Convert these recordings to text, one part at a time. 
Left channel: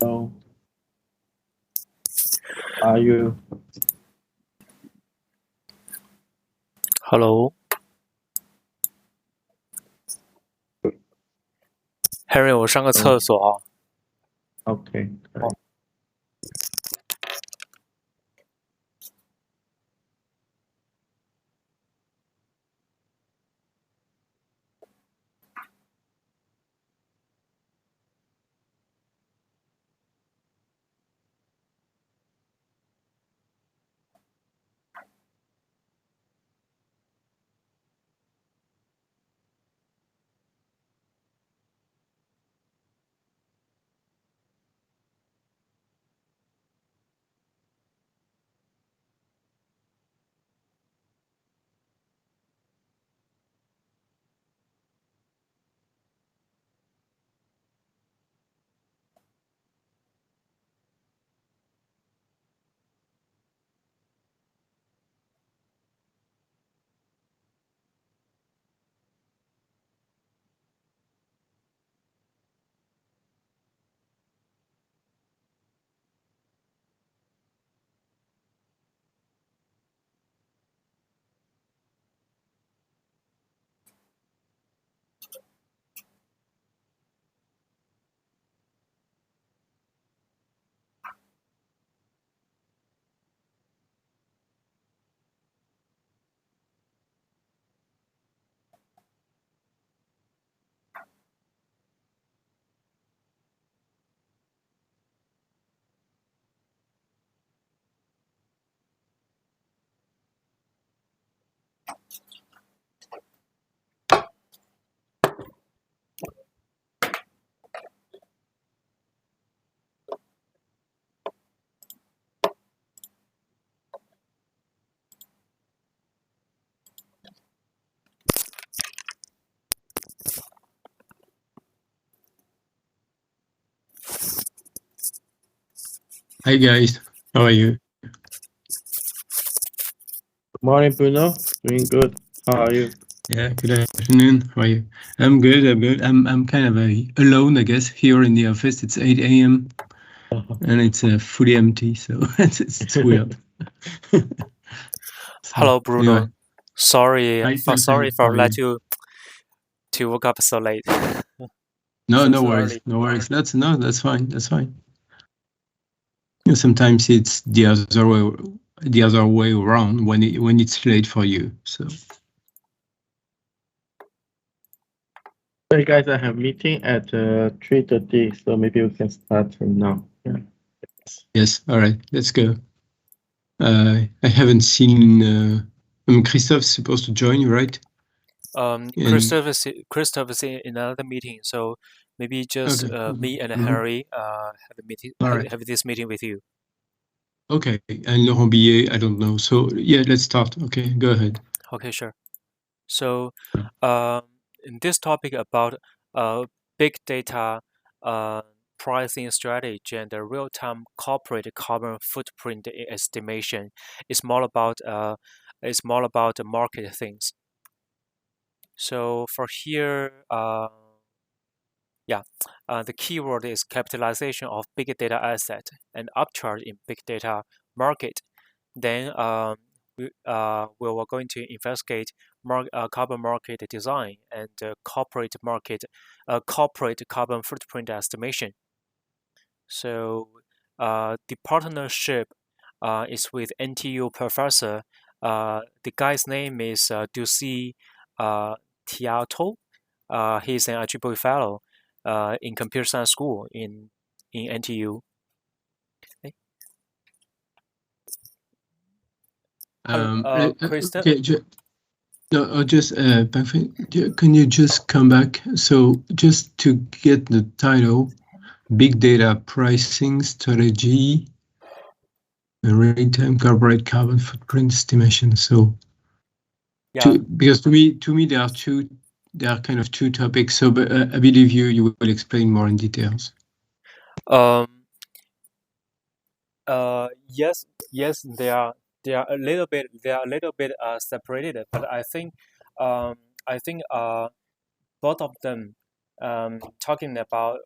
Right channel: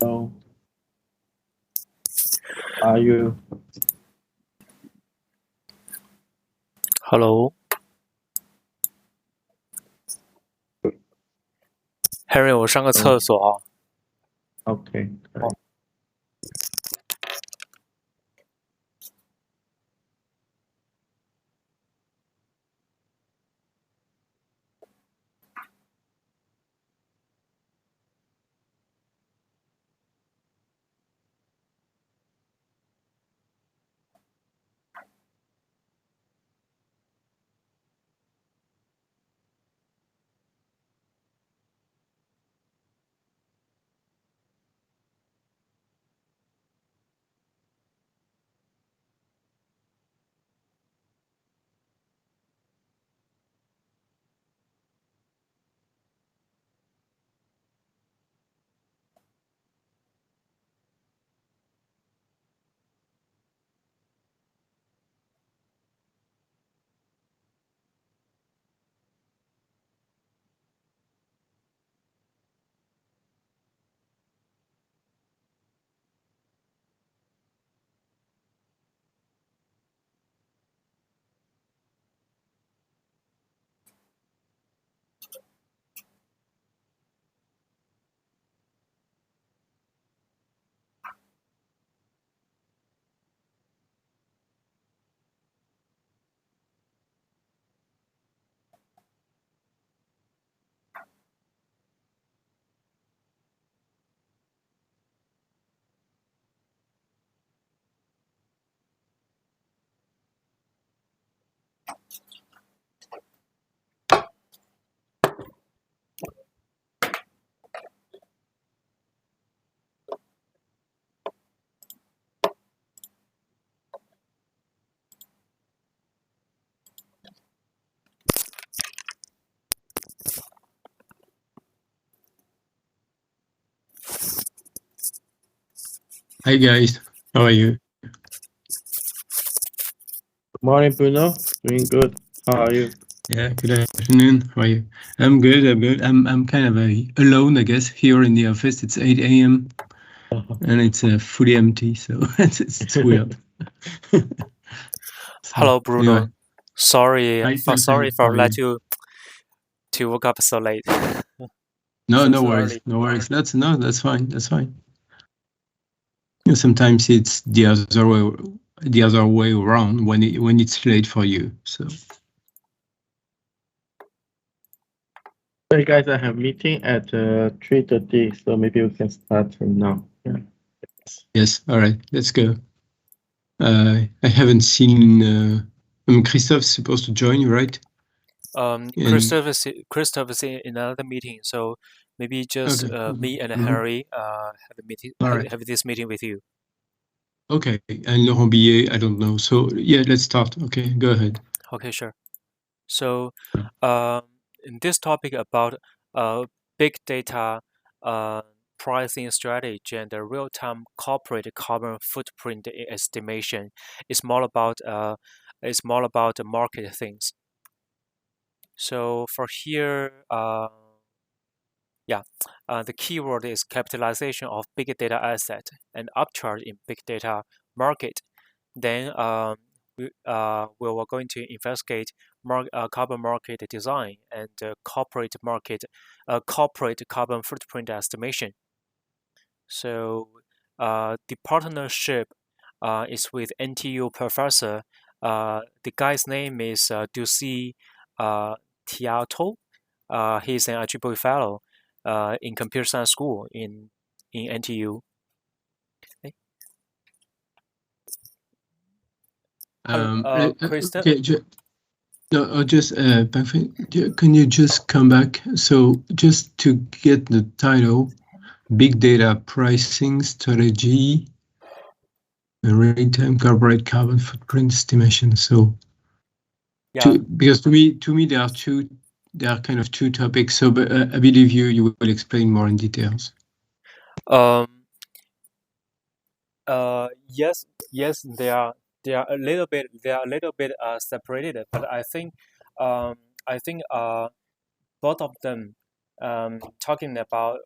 So, are you? Hello, Henry，我上个厕所啊。Okay. 哦，Hi guys, how are you? Good morning, Bruno. Doing good. How are you? Yeah, good afternoon. How are you? I'm good. I'm kind of alone, I guess. Here in the office, it's 8 a.m. and it's fully empty, so it's weird. Hello, Bruno. Anyway. Sorry, Hi, sorry how for are let you? you to wake up so late. No, no So worries, early. no worries. That's fine. That's fine. You know, sometimes it's the other way around when it's late for you. So. Hey guys, I have meeting at 3:30, so maybe we can start from now. Yeah. Yes. All right. Let's go. I haven't seen. Christophe's supposed to join you, right? Christoph is in another meeting, so maybe just Okay. me and Mhm. Henry have a meeting. All right. Have this meeting with you. Okay. And Laurent Billet, I don't know. So yeah, let's start. Okay, go ahead. Okay, sure. So, in this topic about big data, pricing strategy, and the real-time corporate carbon footprint estimation, it's more about the market things. So for here, the keyword is capitalization of big data asset and upcharge in big data market. Then we were going to investigate carbon market design and corporate carbon footprint estimation. So the partnership is with NTU professor. The guy's name is Ducey Tiato. He's an IPP fellow in computer science school in NTU. Okay. Kristen? Okay. No, just can you just come back? So just to get the title, Big Data Pricing Strategy, Real-Time Corporate Carbon Footprint Estimation. So, because to me there are kind of two topics. So, but I believe you will explain more in details. Yes, they are a little bit separated, but I think both of them are talking about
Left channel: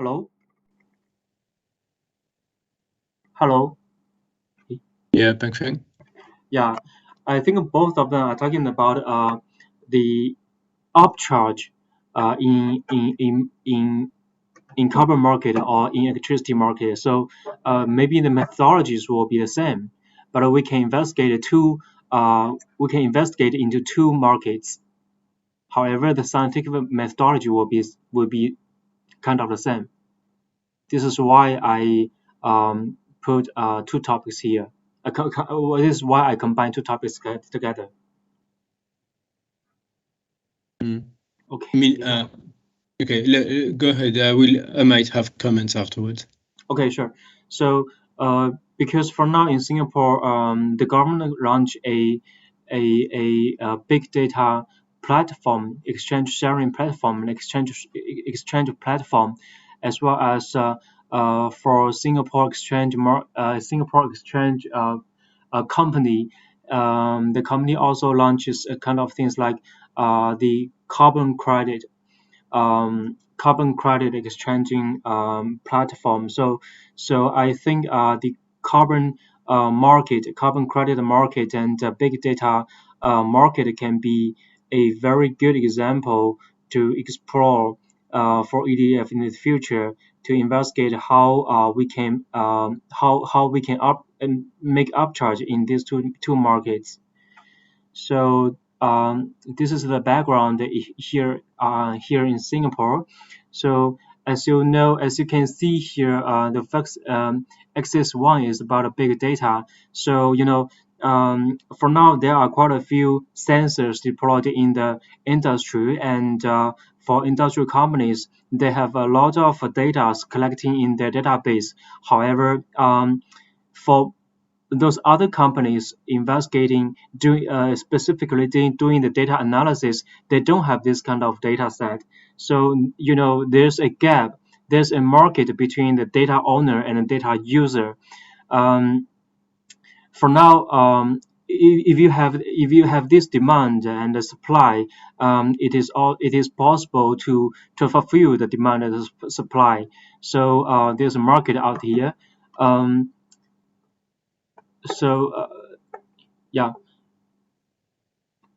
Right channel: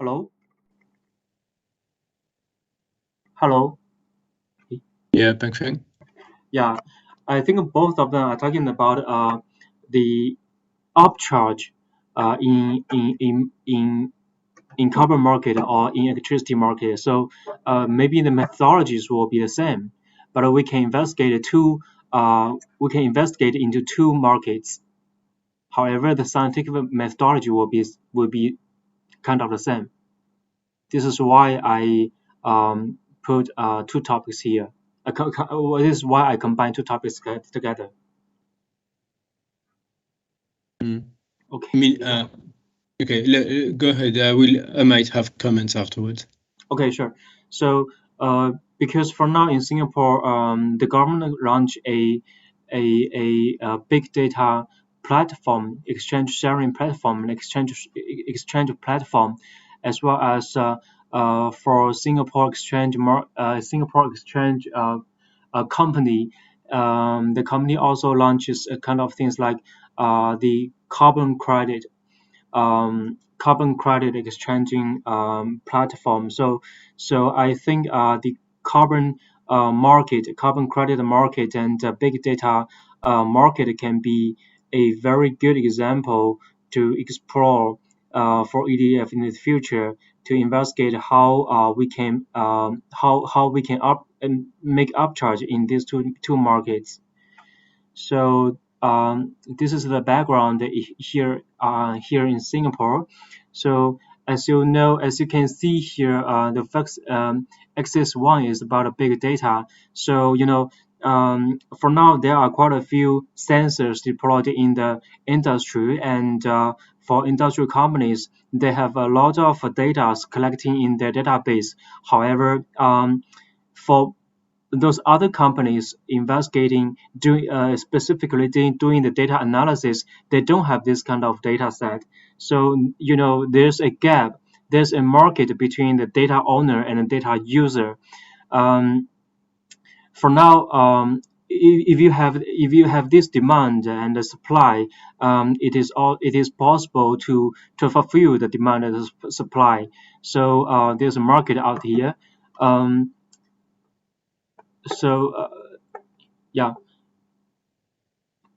Hello? Hello? Yeah, Pengfeng. Yeah, I think both of them are talking about the upcharge in carbon market or in electricity market. So maybe the methodologies will be the same, but we can investigate into two markets. However, the scientific methodology will be kind of the same. This is why I put two topics here. This is why I combine two topics together. Okay. I mean, okay, go ahead. I might have comments afterwards. Okay, sure. So, because for now in Singapore, the government launched a big data platform, exchange sharing platform, and exchange platform, as well as for Singapore exchange company. The company also launches a kind of things like the carbon credit exchanging platform. So I think the carbon credit market, and big data market can be a very good example to explore for EDF in the future, to investigate how we can make upcharge in these two markets. So this is the background here in Singapore. So as you can see here, the first axis one is about a big data. So for now there are quite a few sensors deployed in the industry, and for industrial companies, they have a lot of data collecting in their database. However, for those other companies specifically doing the data analysis, they don't have this kind of data set. So there's a gap, there's a market between the data owner and the data user. For now, if you have this demand and the supply, it is possible to fulfill the demand and the supply. So there's a market out here. So yeah,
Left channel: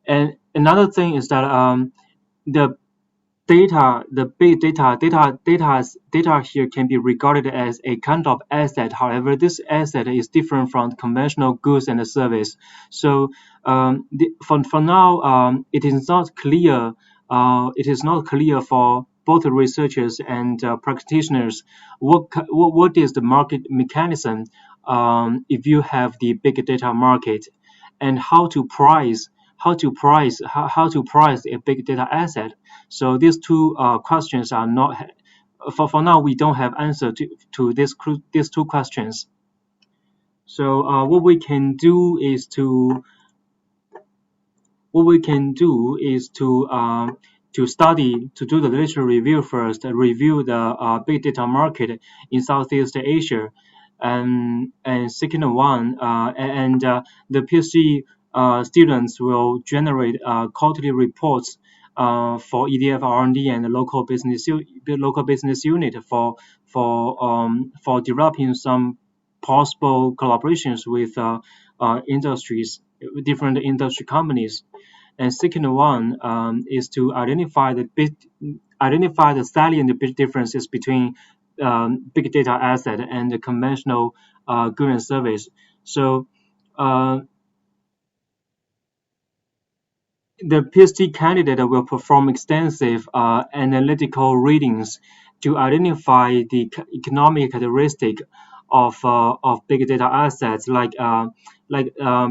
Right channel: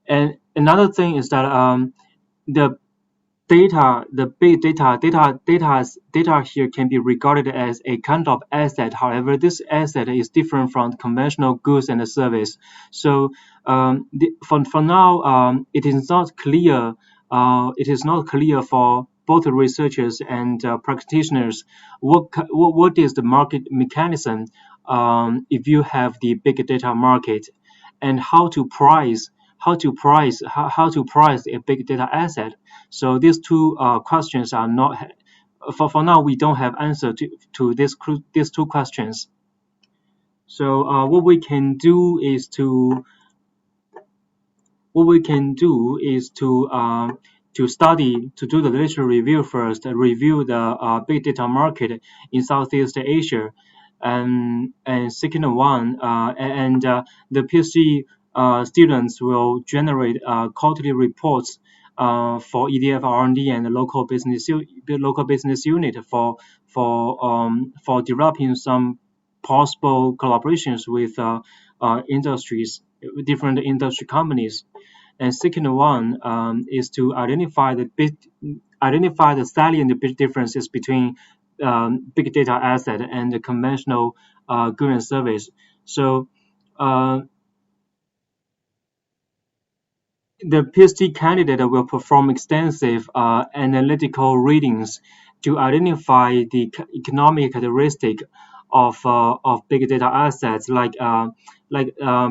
and another thing is that the data here can be regarded as a kind of asset. However, this asset is different from conventional goods and service. So for now, it is not clear. It is not clear for both researchers and practitioners what is the market mechanism if you have the big data market, and how to price a big data asset. So these two questions are not for now. We don't have answer to these two questions. So what we can do is to do the literature review first, review the big data market in Southeast Asia, and second one, the PhD students will generate quarterly reports for EDF R&D and the local business unit for developing some possible collaborations with different industry companies. And second one is to identify the salient big differences between big data asset and the conventional good and service. So the PhD candidate will perform extensive analytical readings to identify the economic characteristic of big data assets, like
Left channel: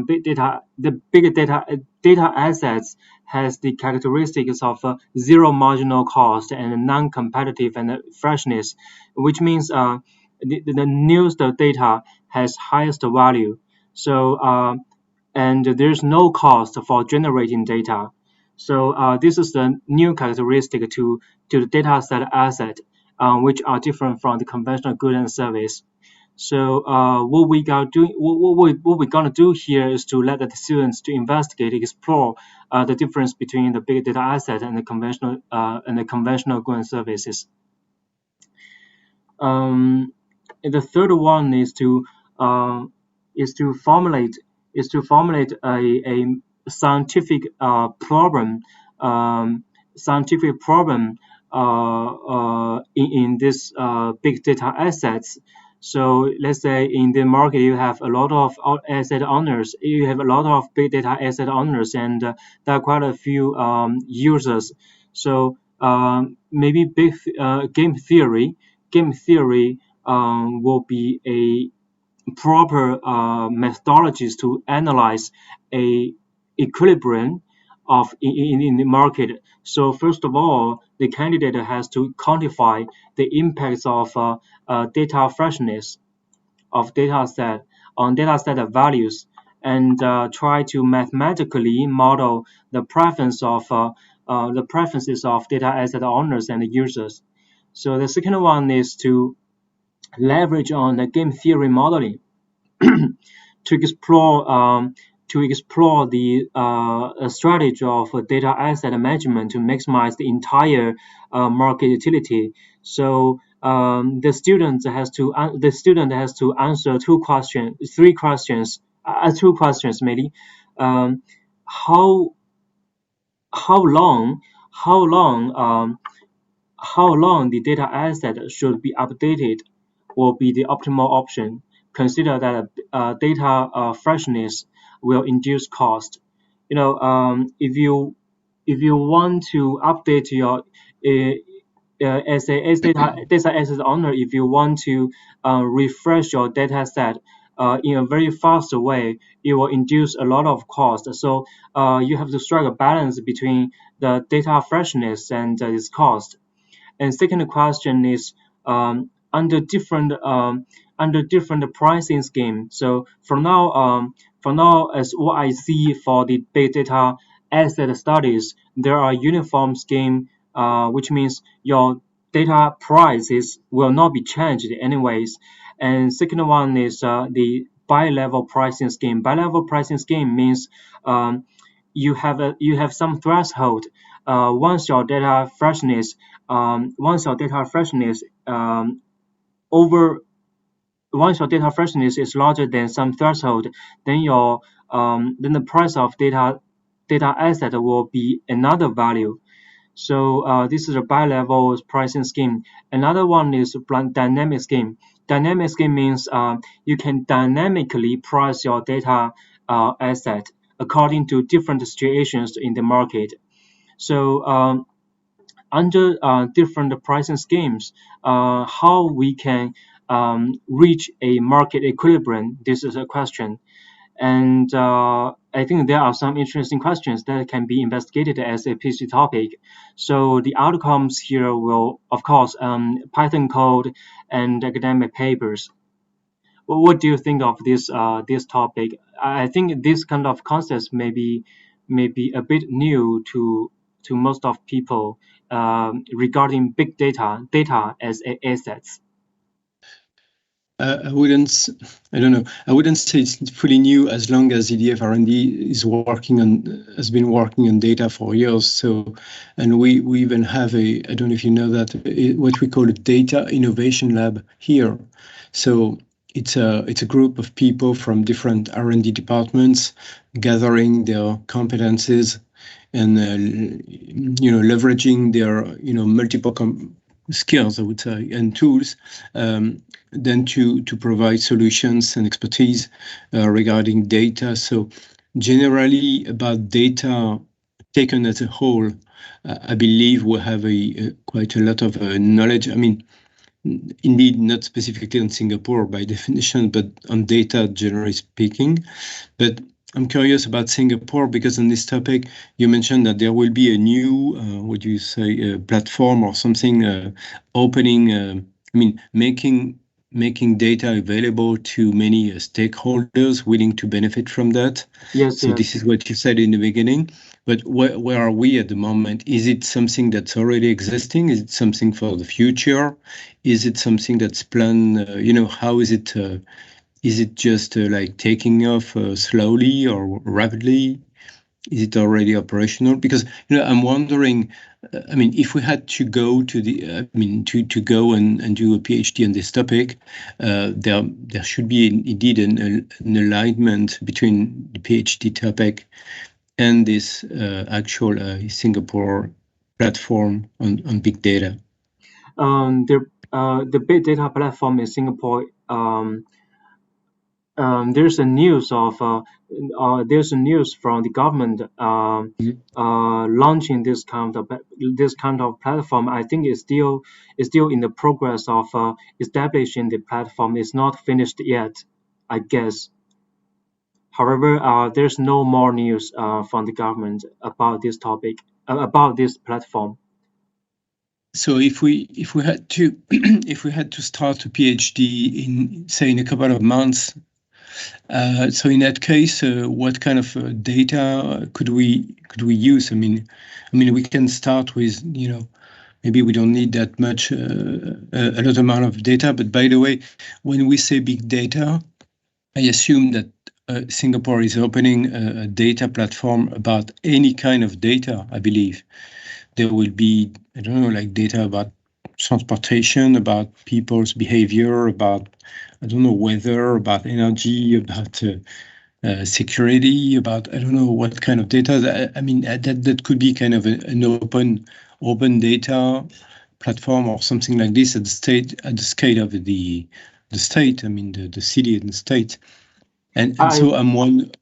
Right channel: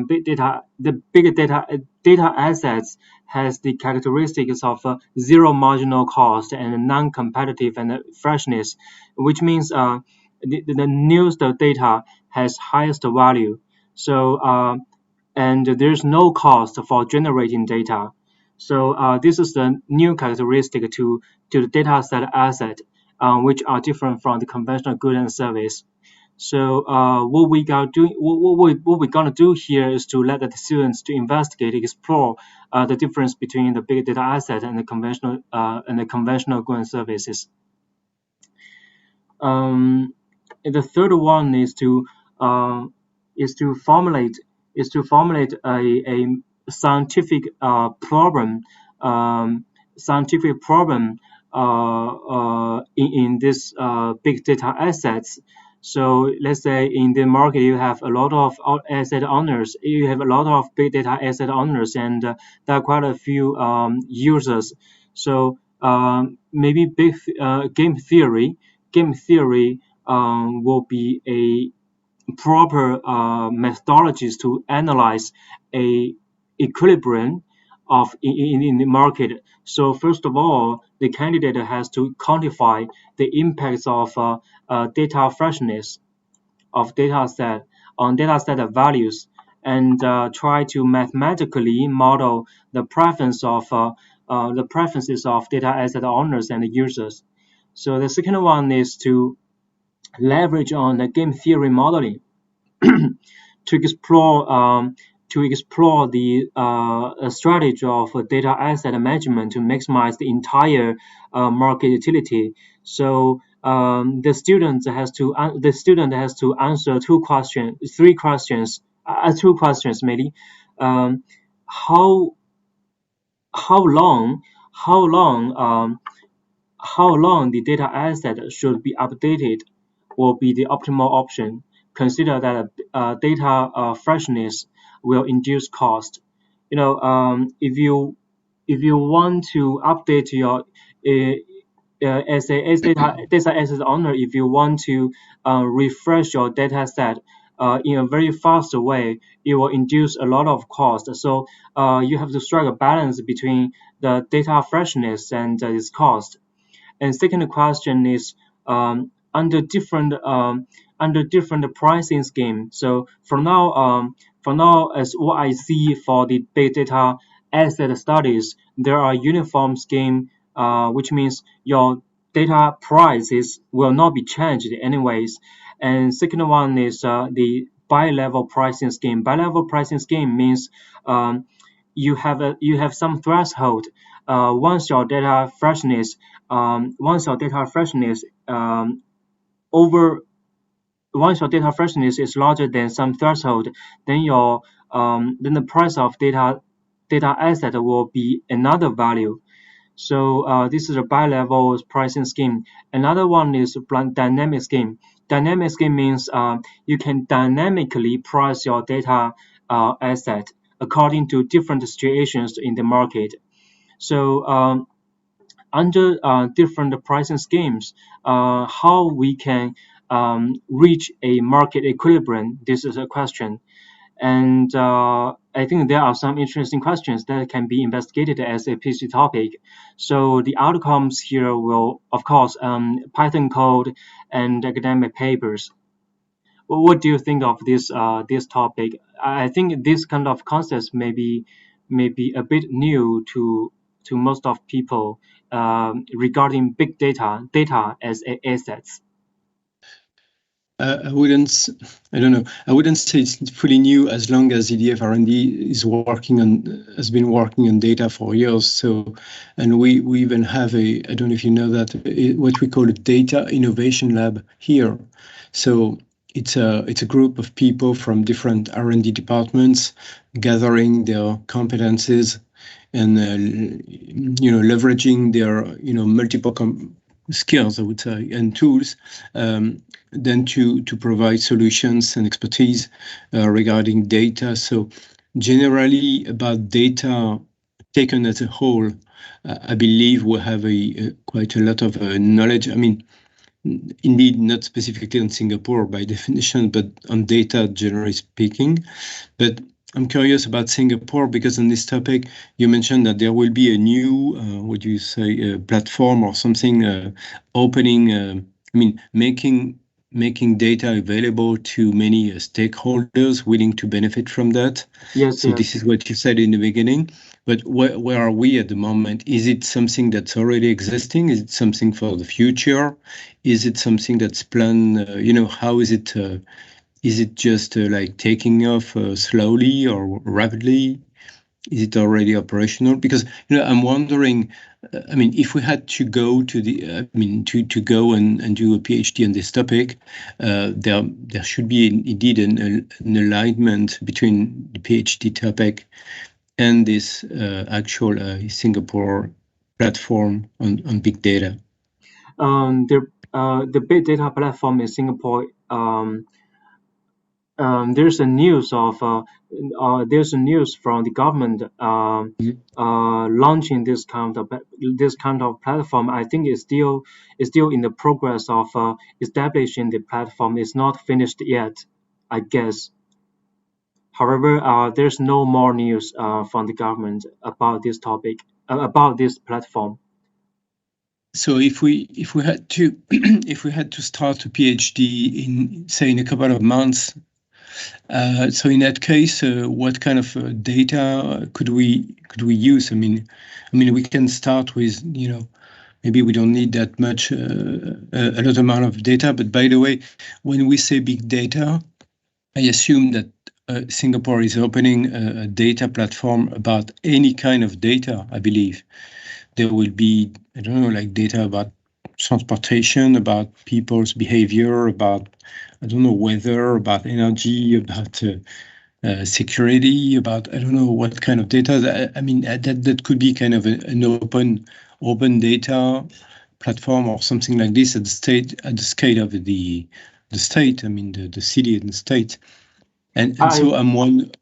big data. The big data assets has the characteristics of zero marginal cost and non-competitive and freshness, which means the newest data has highest value. So and there's no cost for generating data. So this is the new characteristic to the data set asset, which are different from the conventional good and service. So what we're gonna do here is to let the students to investigate, explore the difference between the big data asset and the conventional good and services. The third one is to formulate a scientific problem in this big data assets. So let's say in the market you have a lot of asset owners, you have a lot of big data asset owners, and there are quite a few users. So maybe game theory will be a proper methodologies to analyze a equilibrium in the market. So first of all, the candidate has to quantify the impacts of data freshness of data set on data set values, and try to mathematically model the preferences of data asset owners and users. So the second one is to leverage on the game theory modeling to explore the strategy of data asset management to maximize the entire market utility. So the student has to answer two questions maybe. How how long how long how long the data asset should be updated will be the optimal option. Consider that data freshness will induce cost. If you want to update your as data asset owner, if you want to refresh your data set in a very fast way, it will induce a lot of cost. So you have to strike a balance between the data freshness and its cost. And second question is under different pricing scheme. So for now, as what I see for the big data asset studies, there are uniform scheme, which means your data prices will not be changed anyways. And second one is the bi-level pricing scheme. Bi-level pricing scheme means you have some threshold. Once your data freshness over once your data freshness is larger than some threshold, then the price of data asset will be another value. So this is a bi-level pricing scheme. Another one is dynamic scheme. Dynamic scheme means you can dynamically price your data asset according to different situations in the market. So under different pricing schemes, how we can reach a market equilibrium, this is a question. And I think there are some interesting questions that can be investigated as a PhD topic. So the outcomes here will, of course, Python code and academic papers. What do you think of this topic? I think this kind of concepts may be a bit new to most of people regarding big data as assets. I wouldn't say it's fully new as long as EDF R&D has been working on data for years. So, and we even have I don't know if you know that, what we call a data innovation lab here. So it's a group of people from different R&D departments gathering their competences and leveraging their multiple skills, I would say, and tools, then to provide solutions and expertise regarding data. So generally about data taken as a whole, I believe we have quite a lot of knowledge. I mean, indeed, not specifically on Singapore by definition, but on data generally speaking. But I'm curious about Singapore because on this topic, you mentioned that there will be a new, platform or something opening, making data available to many stakeholders willing to benefit from that. Yes. So this is what you said in the beginning. But where are we at the moment? Is it something that's already existing? Is it something for the future? Is it something that's planned? How is it? Is it just like taking off slowly or rapidly? Is it already operational? Because I'm wondering. I mean, if we had to go to to go and do a PhD on this topic, there should be indeed an alignment between the PhD topic and this actual Singapore platform on big data. The big data platform in Singapore. There's a news from the government launching this kind of platform. I think it's still in the progress of establishing the platform. It's not finished yet, I guess. However, there's no more news from the government about this topic, about this platform. So if we had to if we had to start a PhD in a couple of months, so in that case, what kind of data could we use? I mean, we can start with maybe we don't need that much a lot amount of data. But by the way, when we say big data, I assume that Singapore is opening a data platform about any kind of data. I believe there will be, I don't know, like data about transportation, about people's behavior, about, I don't know, weather, about energy, about security, about, I don't know what kind of data. I mean, that could be kind of an open data platform or something like this at the scale of the state. I mean, the city and the state. And so I'm one.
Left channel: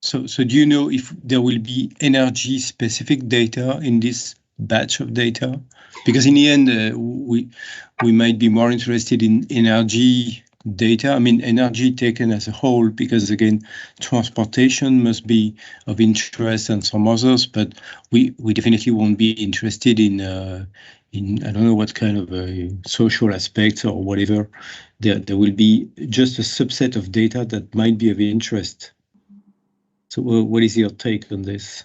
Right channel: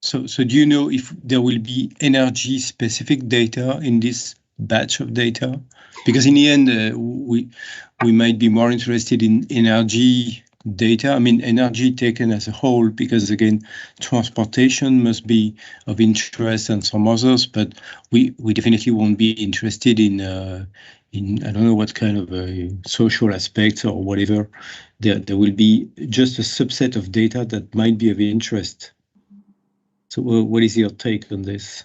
So do you know if there will be energy specific data in this batch of data? Because in the end, we might be more interested in energy data. I mean, energy taken as a whole, because again, transportation must be of interest and some others, but we definitely won't be interested in I don't know what kind of social aspects or whatever. There will be just a subset of data that might be of interest. So what is your take on this?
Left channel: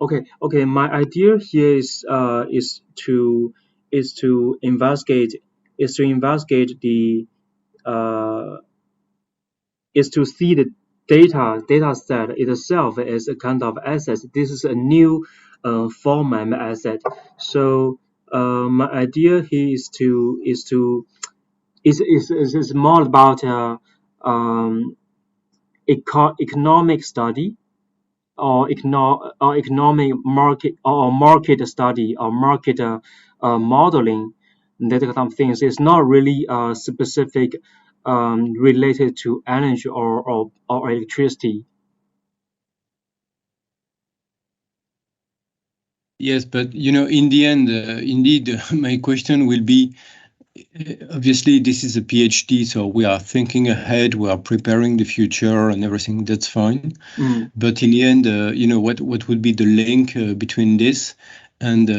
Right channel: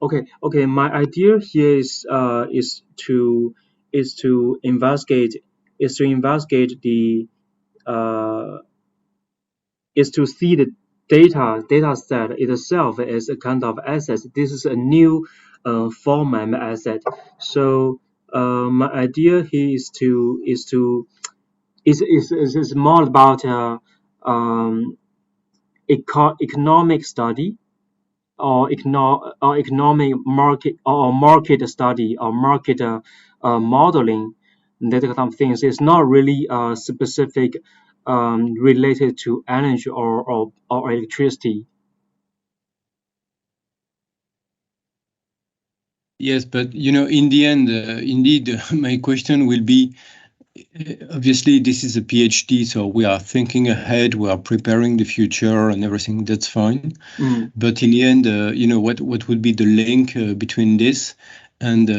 Okay. My idea here is to investigate the is to see the data set itself as a kind of asset. This is a new format asset. So my idea here is more about economic study or economic market or market study or market modeling, that kind of things. It's not really specific related to energy or electricity. Yes, but in the end, indeed, my question will be, obviously, this is a PhD, so we are thinking ahead, we are preparing the future and everything. That's fine. But in the end, what would be the link between this and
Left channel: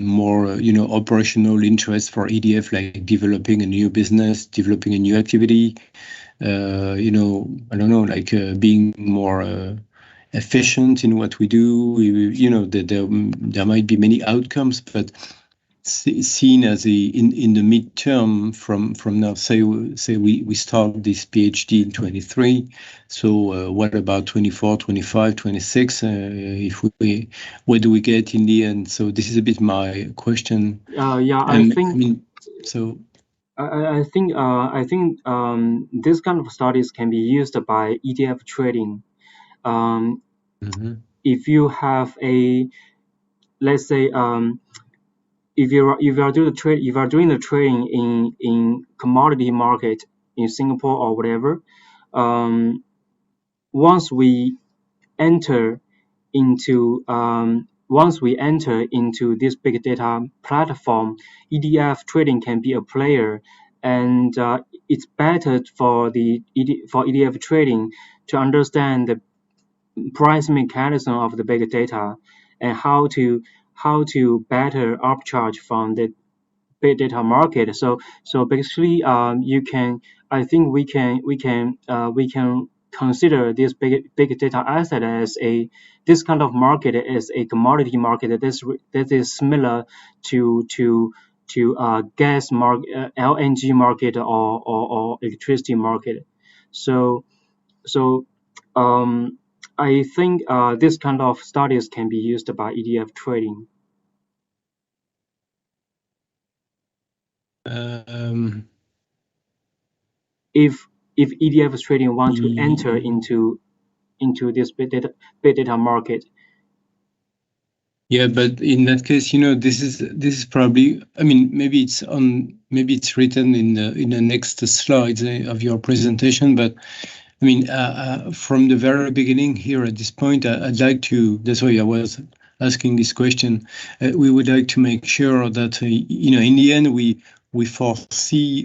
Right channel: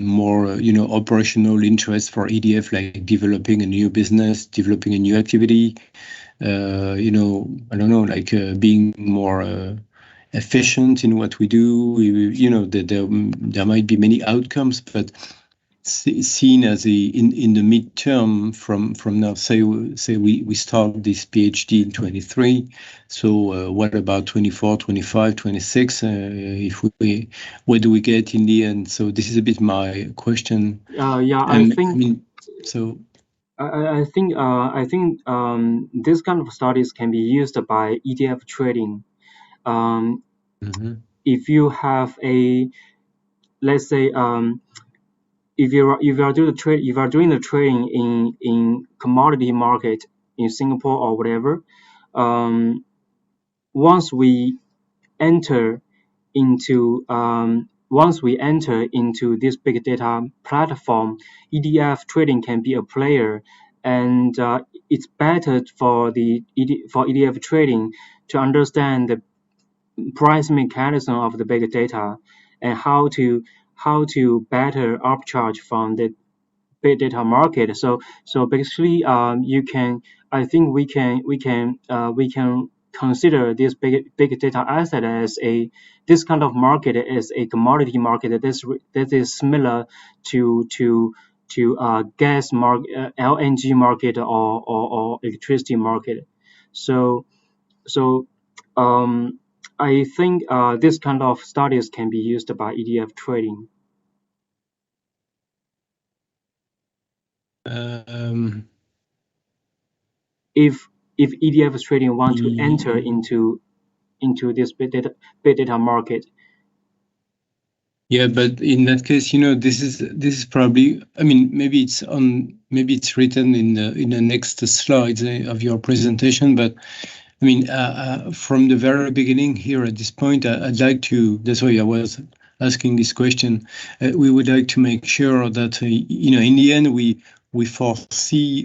more, operational interest for EDF, like developing a new business, developing a new activity, I don't know, like being more efficient in what we do. There might be many outcomes, but seen as in the midterm from now, say we start this PhD in 23. So what about 24, 25, 26? If where do we get in the end? So this is a bit my question. I think so. I think this kind of studies can be used by EDF trading. If you have let's say if you are doing the trading in commodity market in Singapore or whatever, once we enter into this big data platform, EDF trading can be a player, and it's better for EDF trading to understand the price mechanism of the big data and how to better arbitrage from the big data market. So basically, I think we can consider this big data asset as this kind of market as a commodity market that is similar to gas market, LNG market or electricity market. So I think this kind of studies can be used by EDF trading. If EDF trading wants to enter into this big data market. Yeah, but in that case, this is probably. I mean, maybe it's written in the next slides of your presentation. But I mean, from the very beginning here at this point, I'd like to. That's why I was asking this question. We would like to make sure that in the end we foresee.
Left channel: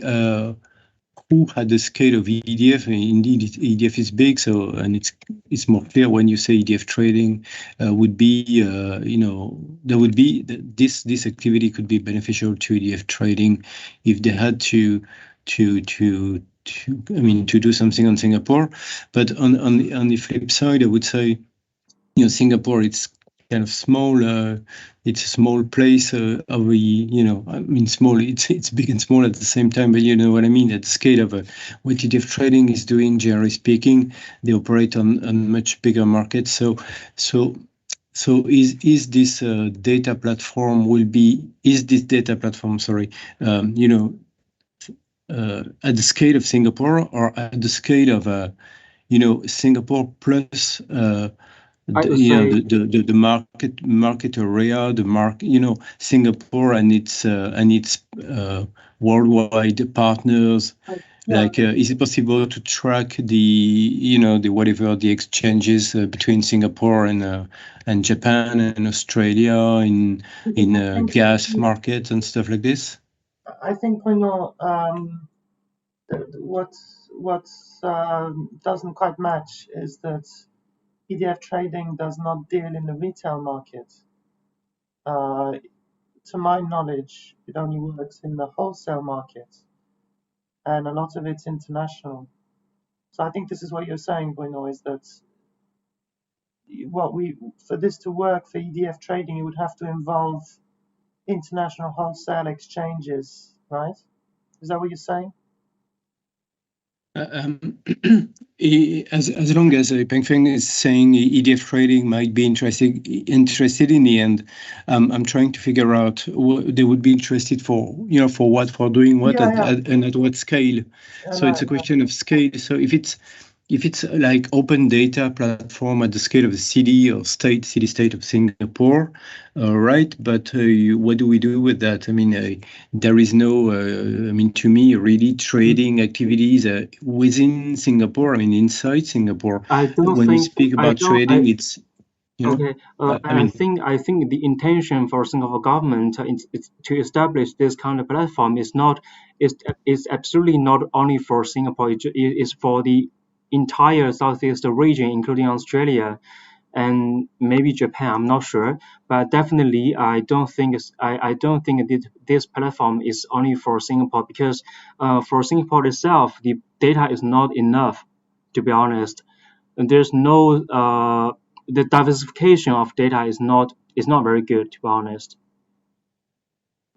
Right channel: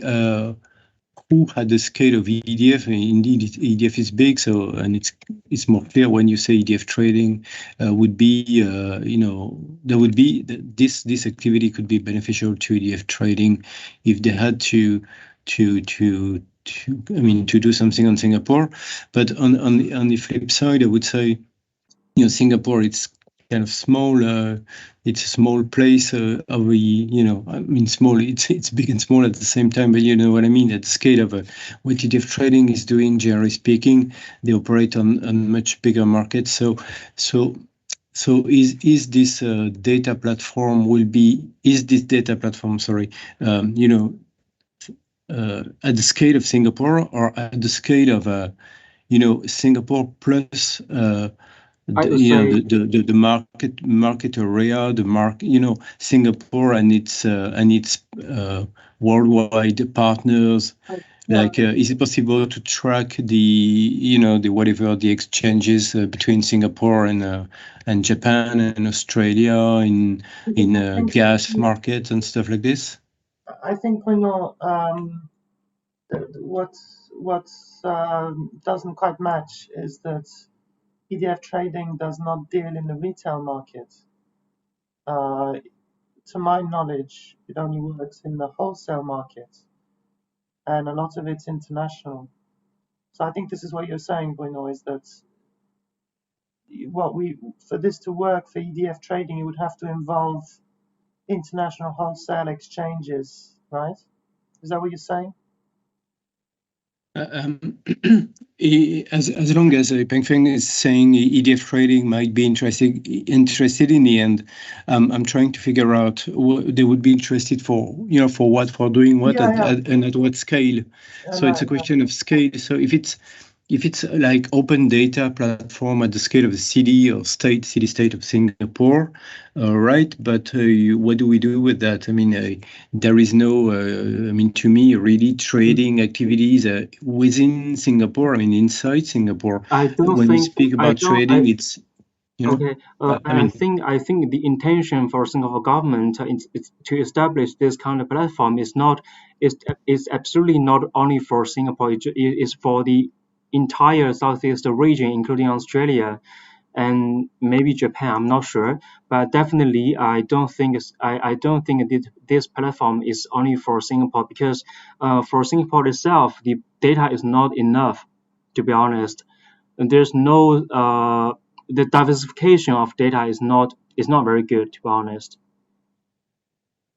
Who had the scale of EDF? Indeed, EDF is big, and it's more clear when you say EDF trading would be, there would be this activity could be beneficial to EDF trading if they had to do something on Singapore. But on the flip side, I would say, Singapore, it's kind of small. It's a small place. Small. It's big and small at the same time. But you know what I mean. At the scale of what EDF trading is doing, generally speaking, they operate on much bigger markets. So is this data platform Sorry, at the scale of Singapore or at the scale of Singapore plus the market area, Singapore and its worldwide partners. Like, is it possible to track the exchanges between Singapore and Japan and Australia in gas markets and stuff like this? I think we know what doesn't quite match is that EDF trading does not deal in the retail market. To my knowledge, it only works in the wholesale market, and a lot of it's international. So I think this is what you're saying, Bruno, is that for this to work for EDF trading, it would have to involve international wholesale exchanges, right? Is that what you're saying? As long as Pengfeng is saying EDF trading might be interested in the end, I'm trying to figure out what they would be interested for doing what and at what scale. So it's a question of scale. So if it's like open data platform at the scale of the city or city-state of Singapore, right? But what do we do with that? I mean, there is no, to me, really trading activities within Singapore. I mean, inside Singapore. When we speak about trading, it's Okay, I think the intention for Singapore government is to establish this kind of platform is absolutely not only for Singapore. It is for the entire Southeast region, including Australia and maybe Japan. I'm not sure, but definitely I don't think this platform is only for Singapore, because for Singapore itself, the data is not enough, to be honest. And there's no the diversification of data is not very good, to be honest.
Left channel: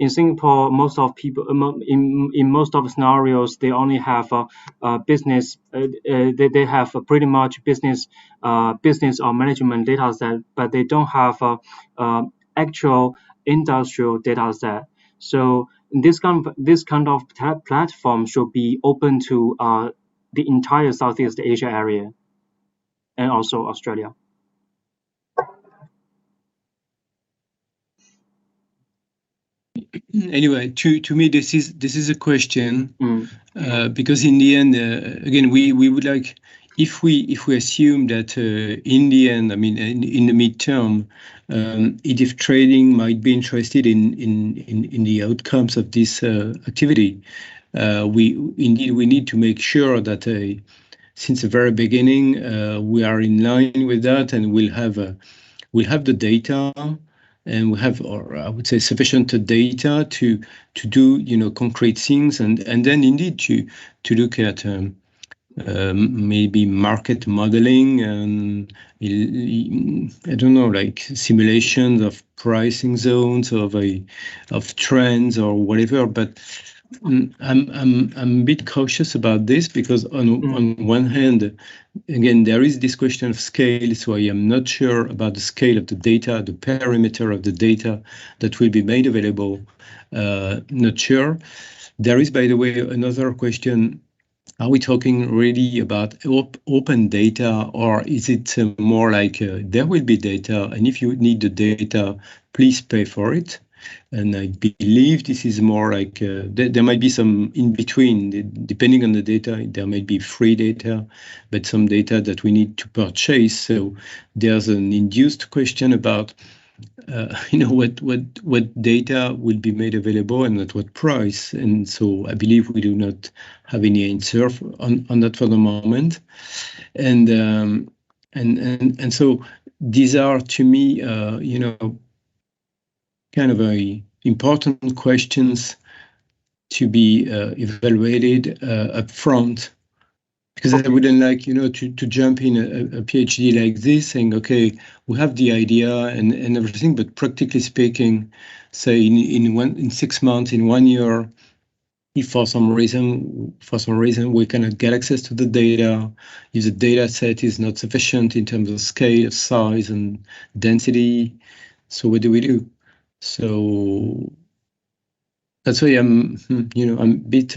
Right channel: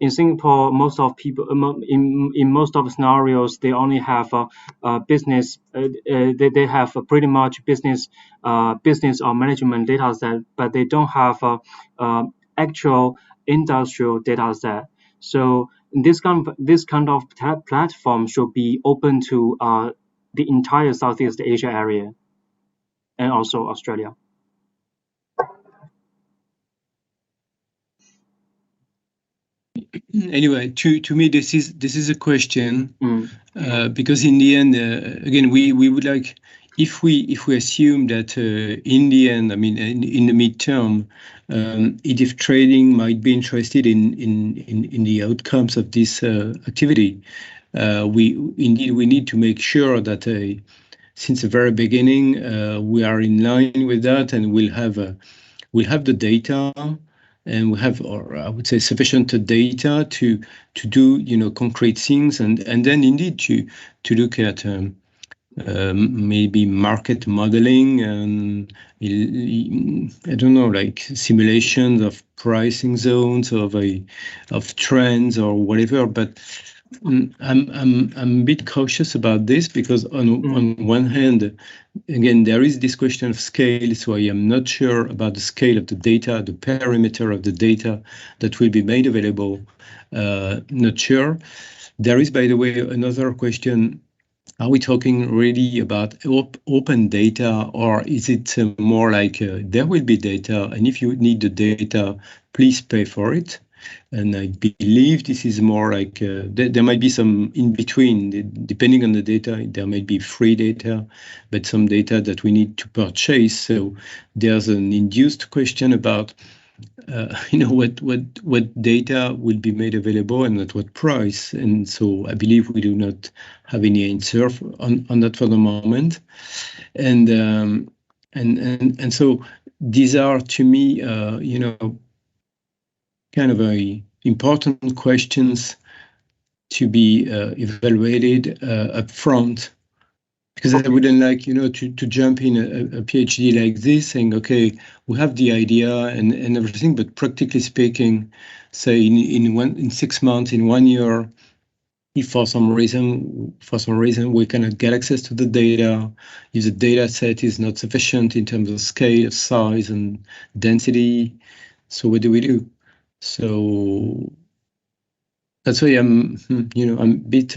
In Singapore, most of people in most of the scenarios, they only have a business. They have a pretty much business or management data set, but they don't have actual industrial data set. So this kind of platform should be open to the entire Southeast Asia area and also Australia. Anyway, to me, this is a question because in the end, again, we would like, if we assume that in the end, I mean, in the midterm, EDF trading might be interested in the outcomes of this activity. We need to make sure that since the very beginning we are in line with that, and we'll have the data. And we have, or I would say, sufficient data to do concrete things, and then indeed to look at maybe market modeling and I don't know, like simulations of pricing zones of trends or whatever. But I'm a bit cautious about this because on one hand, again, there is this question of scale, so I am not sure about the scale of the data, the perimeter of the data that will be made available. Not sure. There is, by the way, another question. Are we talking really about open data, or is it more like there will be data, and if you need the data, please pay for it? And I believe this is more like there might be some in between, depending on the data. There might be free data, but some data that we need to purchase. So there's an induced question about what data will be made available and at what price. And so I believe we do not have any answer on that for the moment. And so these are, to me, kind of very important questions to be evaluated up front. Because I wouldn't like, to jump in a PhD like this saying, okay, we have the idea and everything, but practically speaking, say in 6 months, in 1 year, if for some reason we cannot get access to the data, if the data set is not sufficient in terms of scale, size, and density, so what do we do? So that's why I'm a bit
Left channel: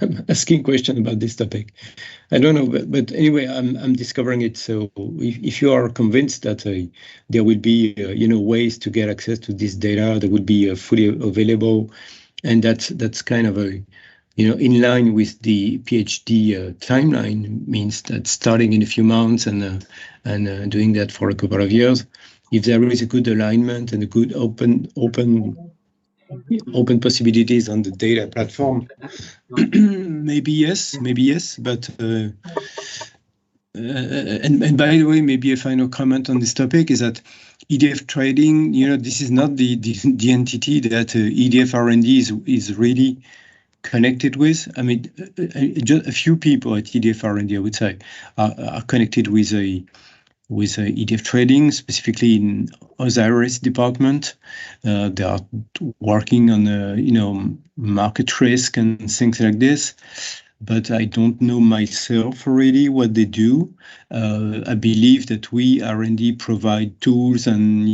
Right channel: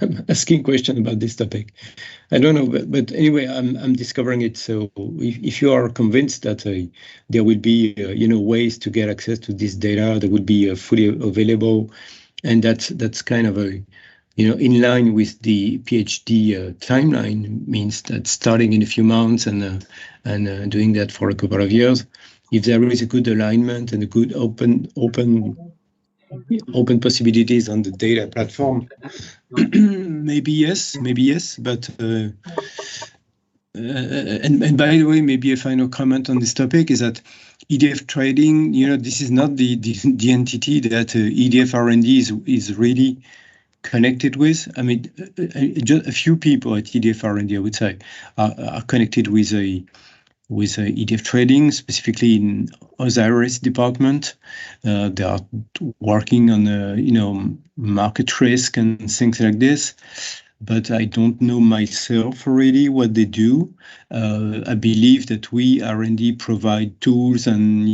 I'm asking questions about this topic. I don't know, but anyway, I'm discovering it. So if you are convinced that there will be ways to get access to this data that would be fully available, and that's kind of in line with the PhD timeline, means that starting in a few months and doing that for a couple of years, if there is a good alignment and a good open possibilities on the data platform, maybe yes, but and by the way, maybe a final comment on this topic is that EDF trading, this is not the entity that EDF R&D is really connected with. I mean, just a few people at EDF R&D, I would say, are connected with EDF trading, specifically in Osiris department. They are working on market risk and things like this. But I don't know myself really what they do. I believe that we R&D provide tools and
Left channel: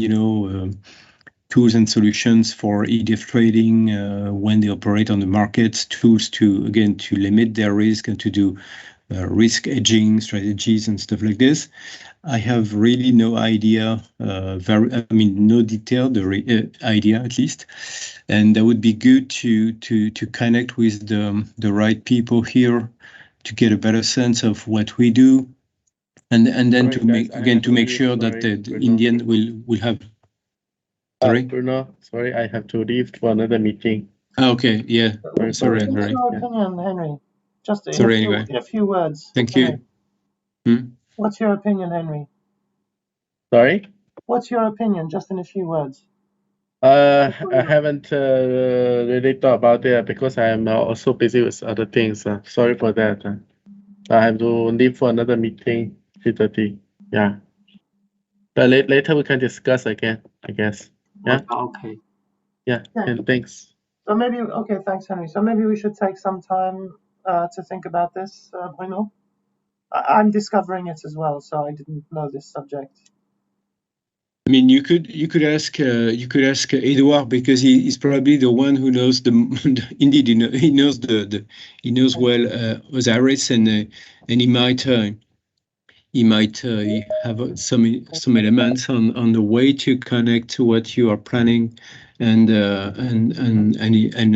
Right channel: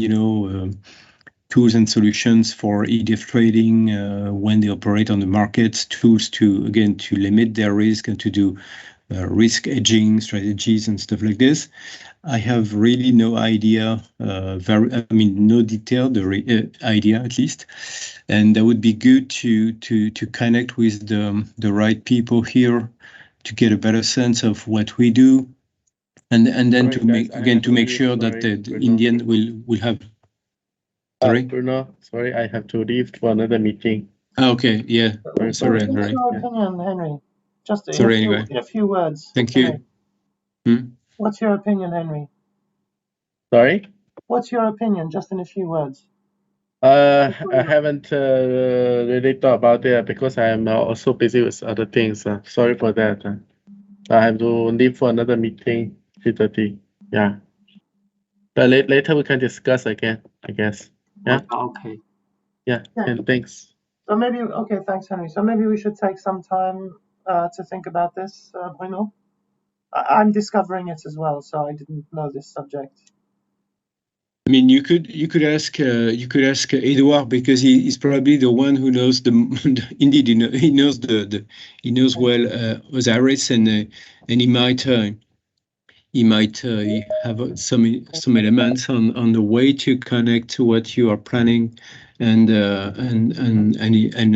tools and solutions for EDF trading when they operate on the markets. Tools to limit their risk and to do risk hedging strategies and stuff like this. I have really no idea, no detailed idea at least, and that would be good to connect with the right people here to get a better sense of what we do, and then to make sure that the Indian will have. Sorry, Bruno. Sorry, I have to leave for another meeting. Okay, yeah. Sorry, What's your opinion, Henry? Just in a few words. Thank you. What's your opinion, Henry? Sorry? What's your opinion, just in a few words? I haven't really thought about it because I am also busy with other things. Sorry for that. I have to leave for another meeting, 3:30. Yeah. But later we can discuss again, I guess. Yeah? Okay. Yeah, and thanks. So maybe, okay, thanks, Henry. So maybe we should take some time to think about this, Bruno. I'm discovering it as well, so I didn't know this subject. I mean, you could ask Edouard, because he's probably the one who knows indeed he knows well Osiris, and he might have some elements on the way to connect to what you are planning, and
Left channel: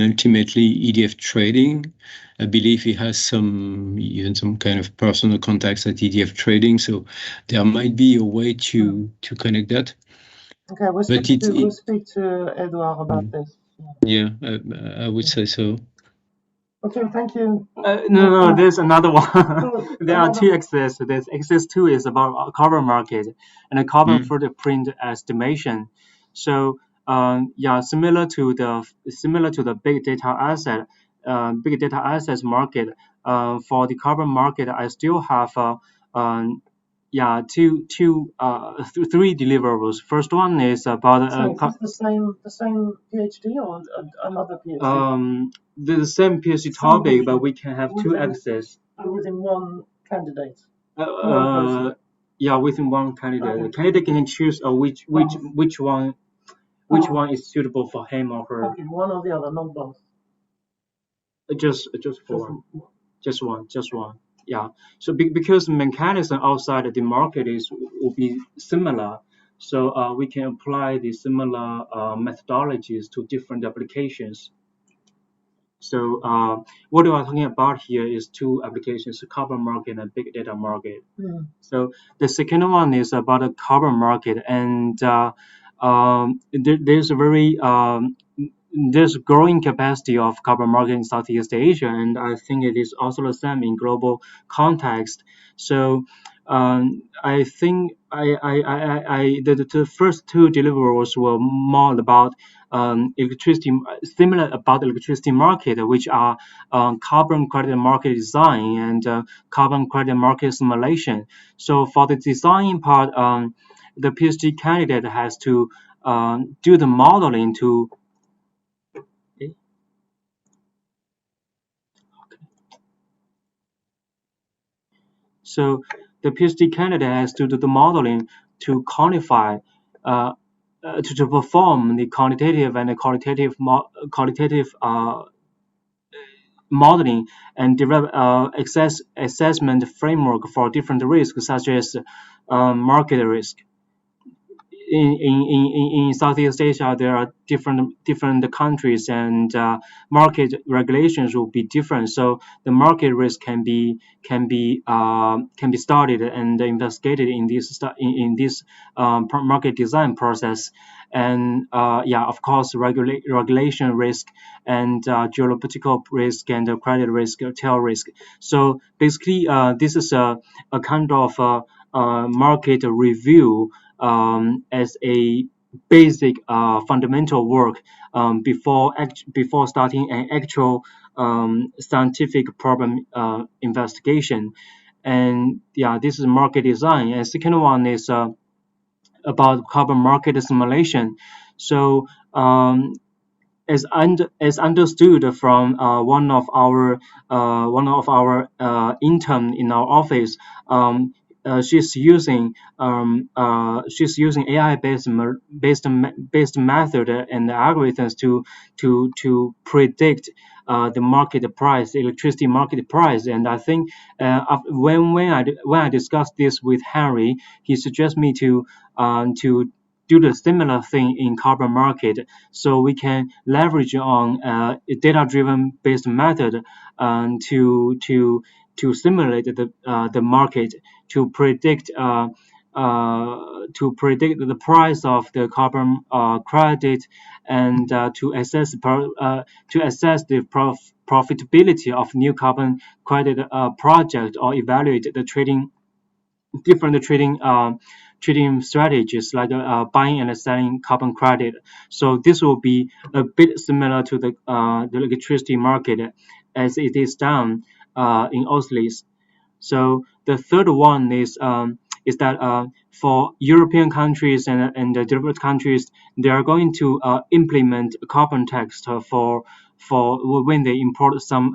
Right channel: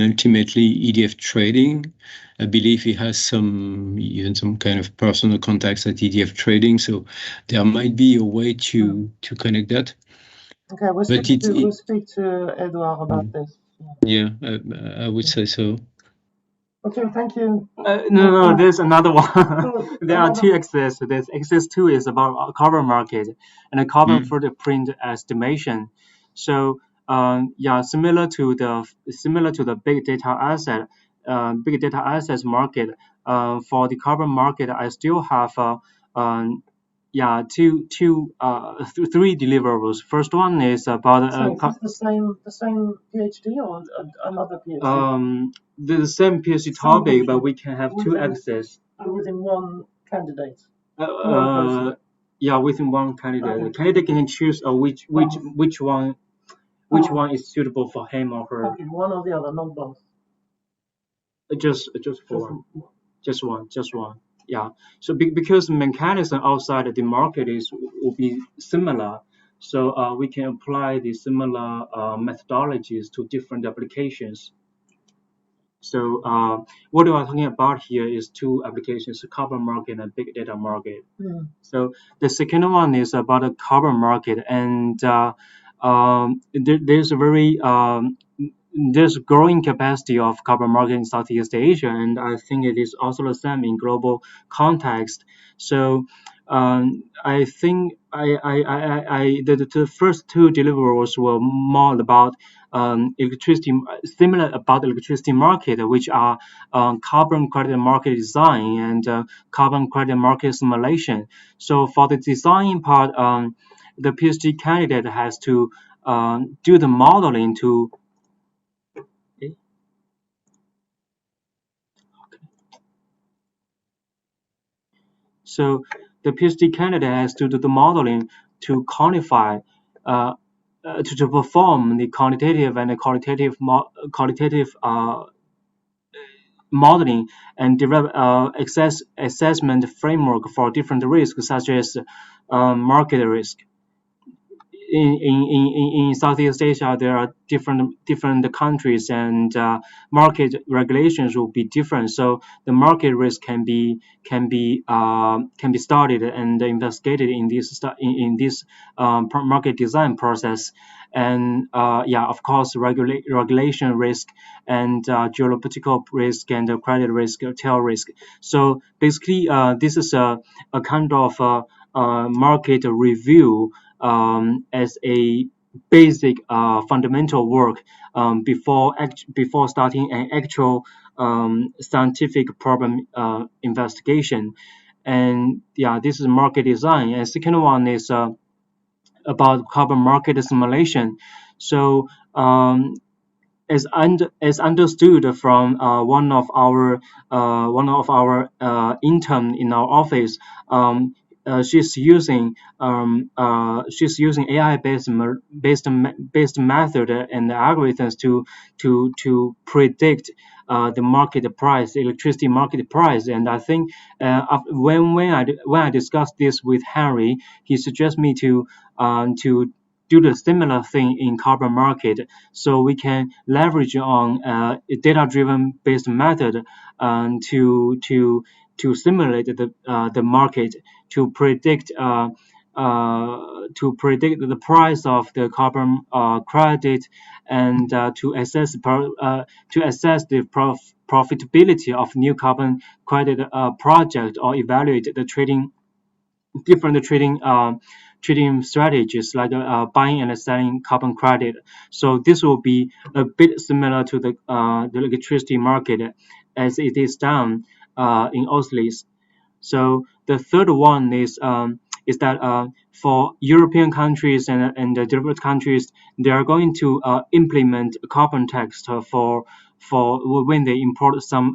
ultimately EDF trading. I believe he has even some kind of personal contacts at EDF trading, so there might be a way to connect that. Okay, we'll speak to Edouard about this. Yeah, I would say so. Okay, thank you. No, there's another one. There are two axes. There's axis 2 is about carbon market and a carbon footprint estimation. So similar to the big data assets market. For the carbon market, I still have three deliverables. First one is about So is this the same PhD or another PhD? the same PhD topic, but we can have two access. Within one candidate. Yeah, within one candidate. Okay. The candidate can choose which one is suitable for him or her. Okay, one or the other, not both. Just for just one. Yeah. So because the mechanism outside the market will be similar, so we can apply the similar methodologies to different applications. So what we are talking about here is two applications: the carbon market and big data market. So the second one is about the carbon market, and there's a very there's growing capacity of carbon market in Southeast Asia, and I think it is also the same in global context. So I think the first two deliverables were more about electricity, similar about electricity market, which are carbon credit market design and carbon credit market simulation. So for the design part, the PhD candidate has to do the modeling to. So the PhD candidate has to do the modeling to quantify, to perform the quantitative and the qualitative modeling and develop assessment framework for different risks, such as market risk. In Southeast Asia, there are different countries, and market regulations will be different. So the market risk can be studied and investigated in this market design process. And of course, regulation risk and geopolitical risk and credit risk, tail risk. So basically, this is a kind of market review as a basic fundamental work before starting an actual scientific problem investigation. And this is market design. And second one is about carbon market simulation. So as understood from one of our intern in our office, she's using AI based method and algorithms to predict the market price, electricity market price. And I think when I discussed this with Henry, he suggests me to do the similar thing in carbon market, so we can leverage on a data-driven based method to simulate the market to predict the price of the carbon credit and to assess the profitability of new carbon credit project, or evaluate the different trading strategies like buying and selling carbon credit. So this will be a bit similar to the electricity market as it is done in OSLIS. So the third one is that for European countries and developed countries, they are going to implement a carbon tax for when they import some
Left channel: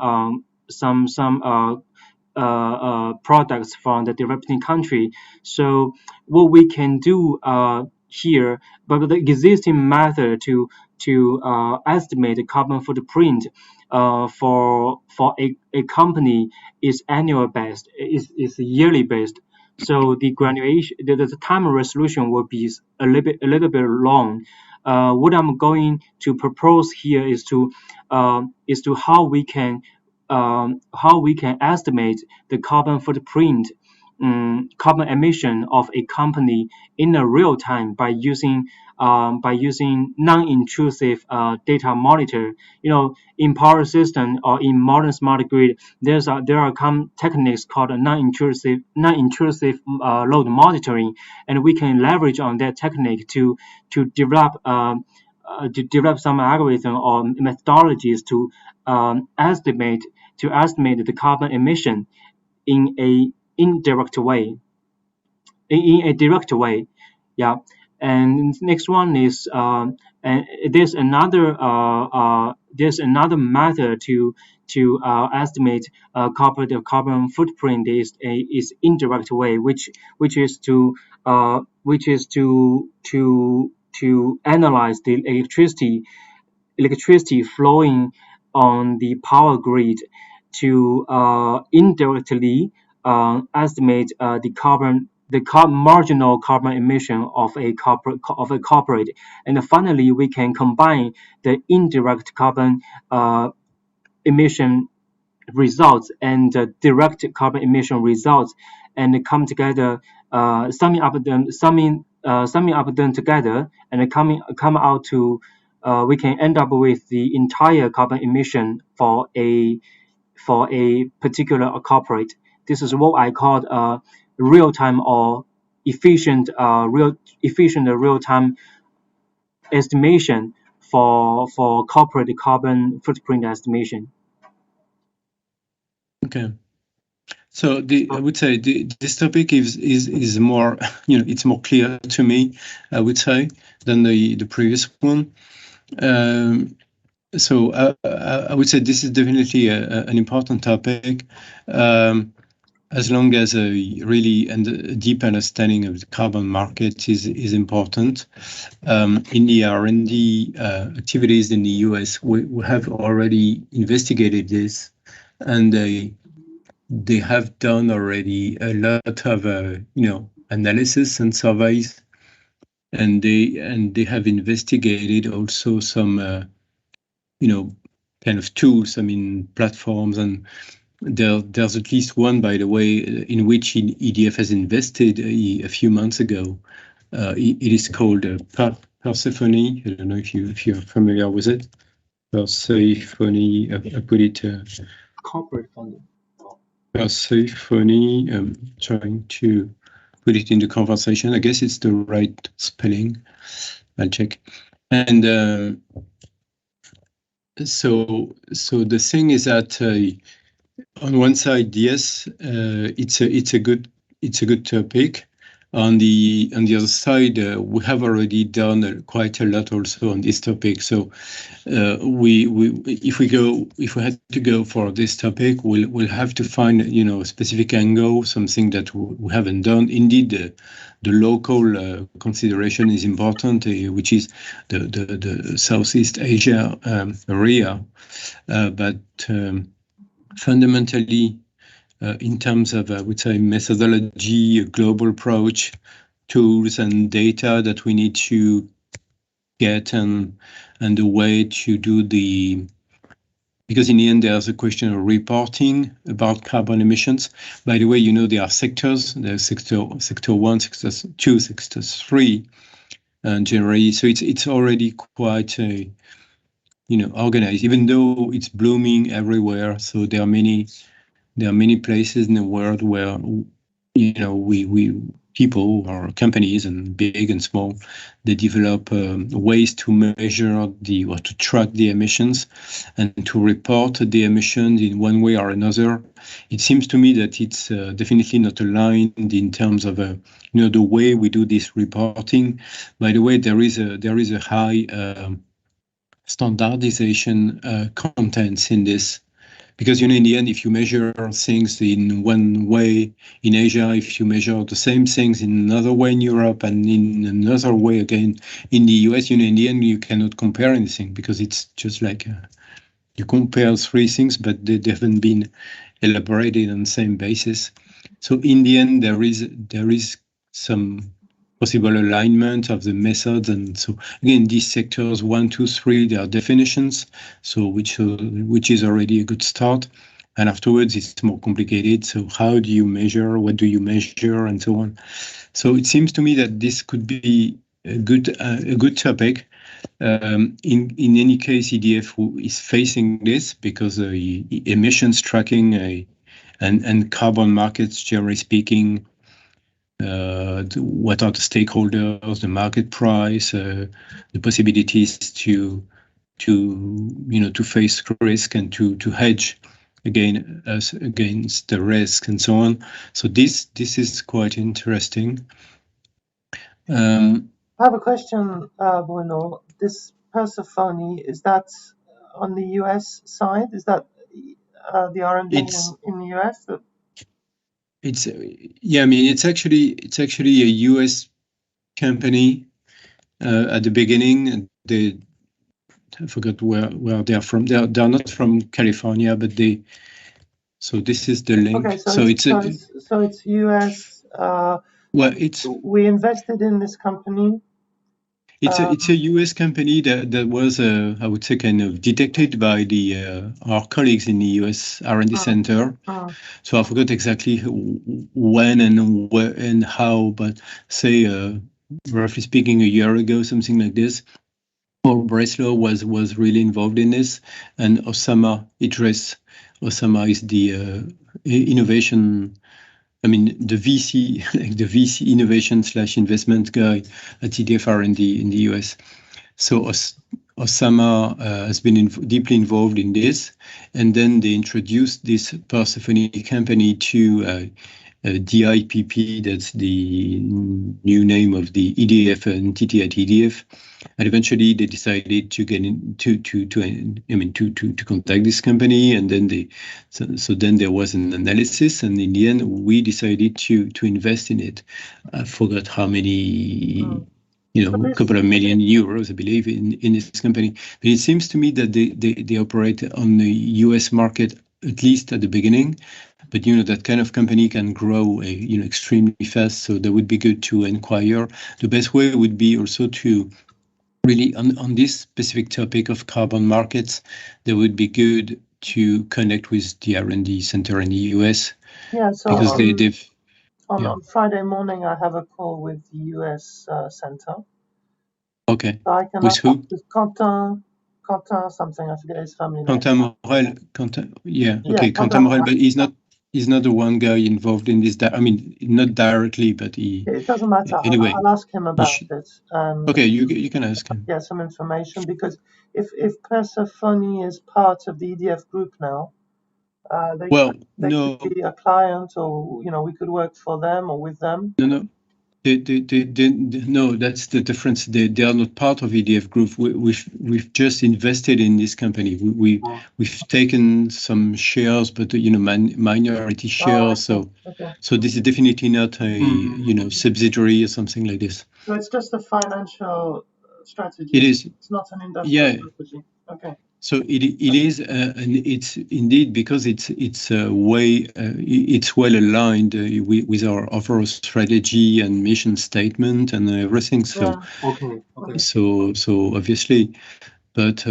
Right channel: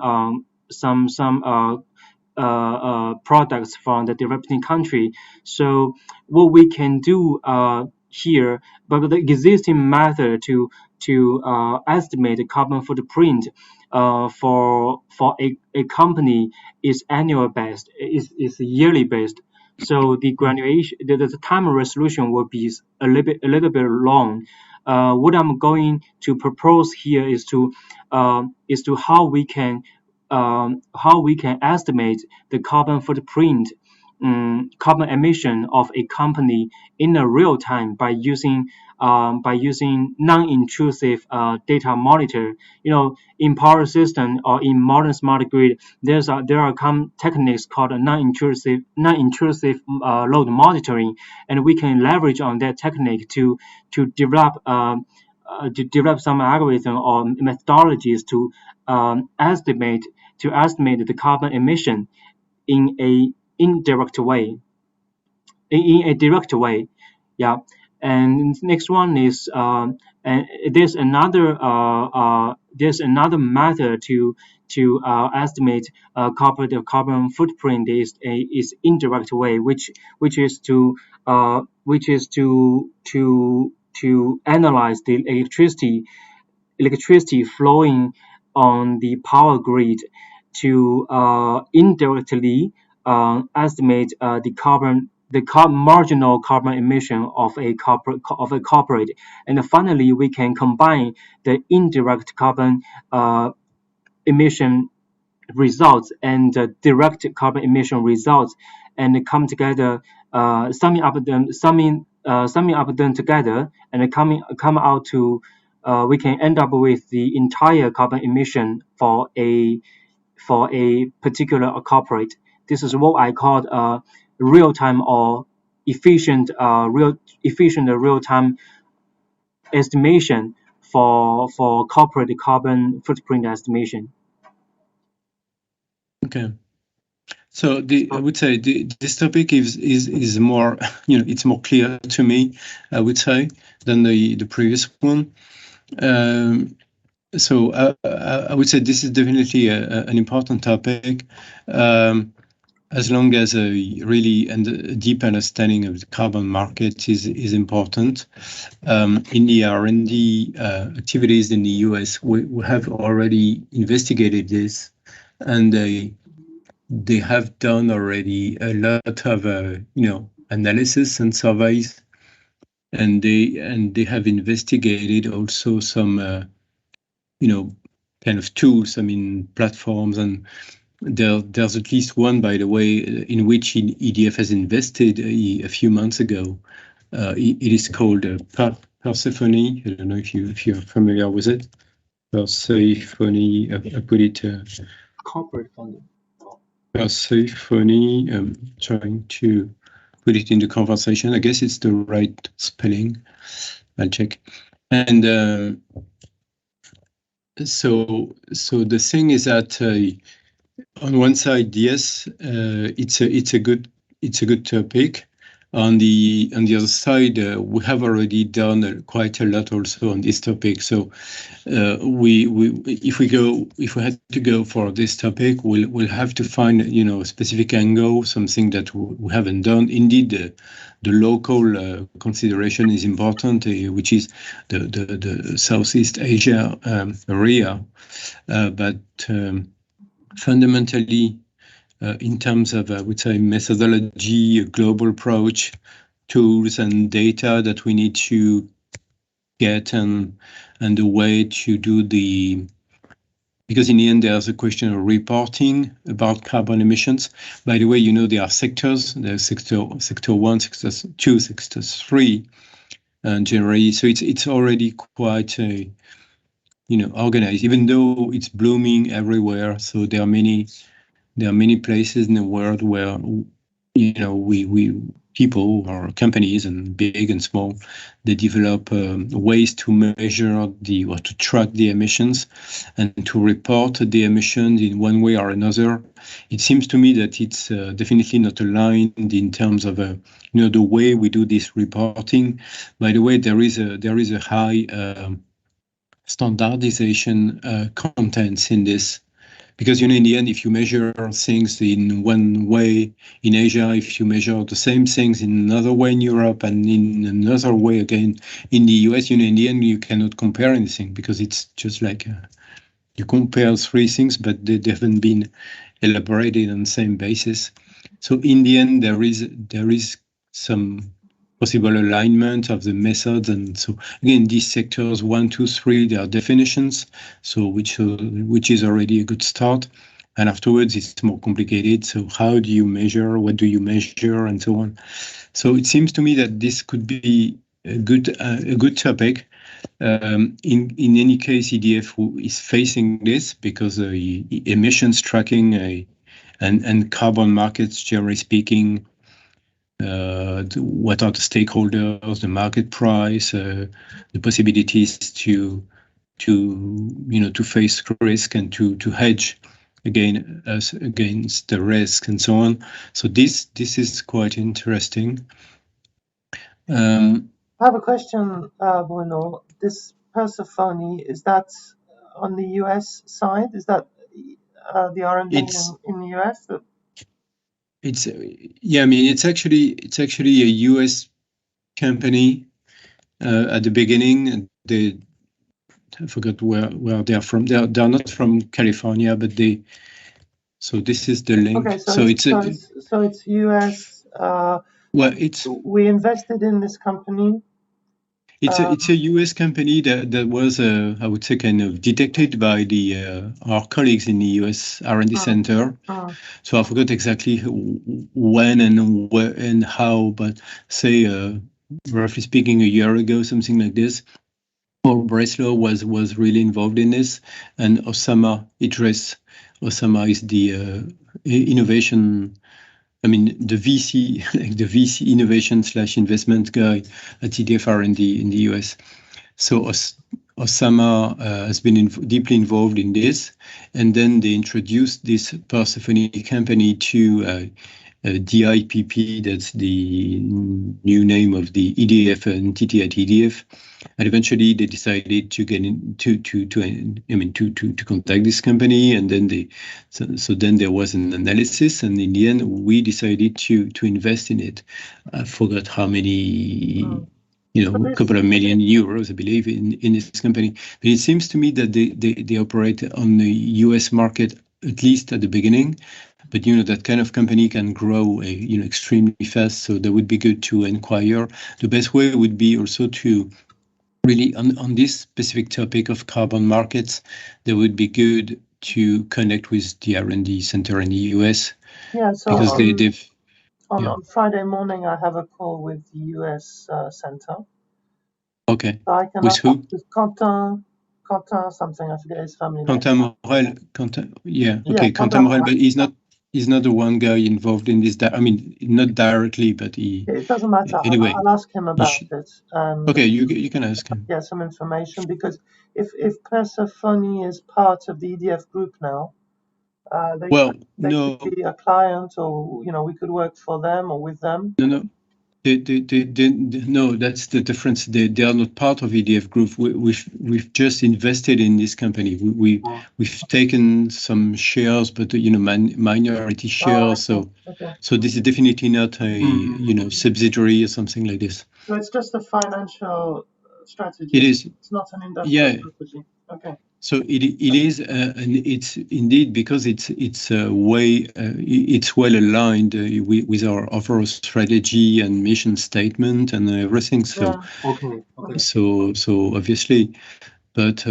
products from the developing country. So what we can do here, but the existing method to estimate the carbon footprint for a company is annual based, is yearly based. So the graduation, the time resolution will be a little bit long. What I'm going to propose here is to how we can estimate the carbon footprint, carbon emission of a company in a real time by using non-intrusive data monitor. In power system or in modern smart grid, there are techniques called non-intrusive load monitoring, and we can leverage on that technique to develop some algorithm or methodologies to estimate the carbon emission in a indirect way. in a direct way. Yeah. And next one is and there's another method to estimate corporate carbon footprint is indirect way, which is to analyze the electricity flowing on the power grid to indirectly estimate the marginal carbon emission of a corporate, and finally we can combine the indirect carbon emission results and direct carbon emission results and come together, summing up them together and come out to we can end up with the entire carbon emission for a particular corporate. This is what I call real time or efficient real time estimation for corporate carbon footprint estimation. Okay. So I would say this topic is more, it's more clear to me, I would say, than the previous one. So I would say this is definitely an important topic, as long as a deep understanding of the carbon market is important. In the R&D activities in the US, we have already investigated this, and they have done already a lot of analysis and surveys, and they have investigated also some kind of tools, platforms, and there's at least one, by the way, in which EDF has invested a few months ago. It is called Persephone. I don't know if you're familiar with it. Persephone. I put it. Corporate funding. Persephone. I'm trying to put it in the conversation. I guess it's the right spelling. I'll check. And so the thing is that on one side, yes, it's a good topic. On the other side, we have already done quite a lot also on this topic. So if we had to go for this topic, we'll have to find a specific angle, something that we haven't done. Indeed, the local consideration is important, which is the Southeast Asia area, but fundamentally, in terms of, I would say, methodology, a global approach, tools and data that we need to get, and the way to do because in the end, there's a question of reporting about carbon emissions. By the way, there are sectors, there's sector 1, sector 2, sector 3, and generally, so it's already quite organized, even though it's blooming everywhere. So there are many places in the world where we people or companies, and big and small, they develop ways to measure or to track the emissions and to report the emissions in one way or another. It seems to me that it's definitely not aligned in terms of the way we do this reporting. By the way, there is a high standardization contents in this. Because, in the end, if you measure things in one way in Asia, if you measure the same things in another way in Europe, and in another way again in the US, in the end, you cannot compare anything, because it's just like you compare 3 things, but they haven't been elaborated on the same basis. So in the end, there is some possible alignment of the methods, and so again, these sectors 1, 2, 3, there are definitions, so which is already a good start, and afterwards it's more complicated. So how do you measure? What do you measure, and so on? So it seems to me that this could be a good topic. In any case, EDF is facing this because emissions tracking and carbon markets, generally speaking. What are the stakeholders, the market price, the possibilities to face risk and to hedge against the risk and so on. So this is quite interesting. I have a question, Bruno. This Persephone, is that on the US side? Is that the R&D in the US? It's yeah, I mean it's actually a US company. At the beginning, I forgot where they're from. They're not from California, but so this is the link. Okay, so it's US. Well, we invested in this company. It's a US company that was I would say kind of detected by our colleagues in the US R&D center. So I forgot exactly when and where and how, but say roughly speaking, a year ago, something like this. Paul Breslow was really involved in this, and Osama Idris. Osama is the innovation. I mean, the VC, like the VC innovation / investment guy at EDF R&D in the US. So Osama has been deeply involved in this, and then they introduced this Persephone company to IPP. That's the new name of the EDF entity at EDF. And eventually they decided to get in to contact this company, and then then there was an analysis, and in the end we decided to invest in it. I forgot how many, a couple of million euros, I believe, in this company. But it seems to me that they operate on the US market, at least at the beginning. But that kind of company can grow extremely fast, so that would be good to inquire. The best way would be also to really on this specific topic of carbon markets, that would be good to connect with the R&D center in the US. Yeah, so because on Friday morning I have a call with the US center. Okay. So I can with who? With Quentin something, I forget his family name. Quentin Morel. Quentin Morel, but he's not the one guy involved in this. I mean, not directly, but it doesn't matter. Anyway, I'll ask him about it. Okay, you can ask him. Yeah, some information, because if Persephone is part of the EDF group now, they could be a client, or we could work for them or with them. No. No, that's the difference. They are not part of EDF group. We've just invested in this company. We've taken some shares, but minority shares. So this is definitely not a subsidiary or something like this. So it's just a financial strategy. It is. It's not an industrial strategy. Okay. So it is, and it's indeed because it's well aligned with our overall strategy and mission statement and everything. So so obviously, but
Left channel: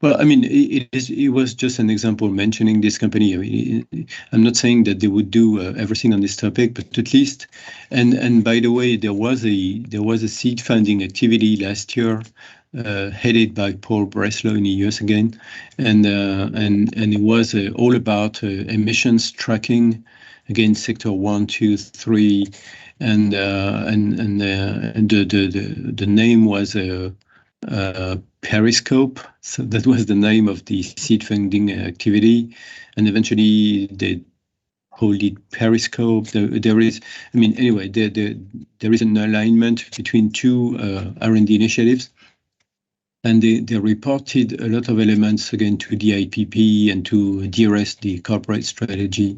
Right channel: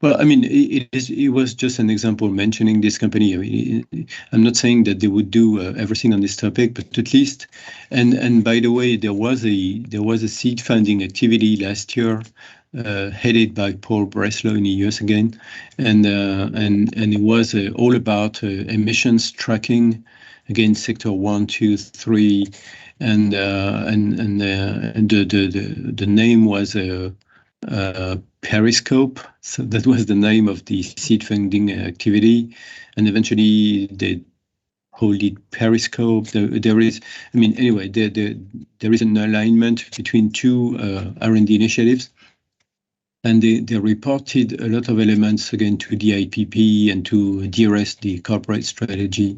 well, I mean, it was just an example mentioning this company. I mean, I'm not saying that they would do everything on this topic, but at least, and by the way, there was a seed funding activity last year, headed by Paul Breslow in the US again, and it was all about emissions tracking against sector 1, 2, 3, and the name was Periscope. So that was the name of the seed funding activity, and eventually they called it Periscope. There is, I mean, anyway, there is an alignment between two R&D initiatives, and they reported a lot of elements again to the IPP and to de-risk the corporate strategy.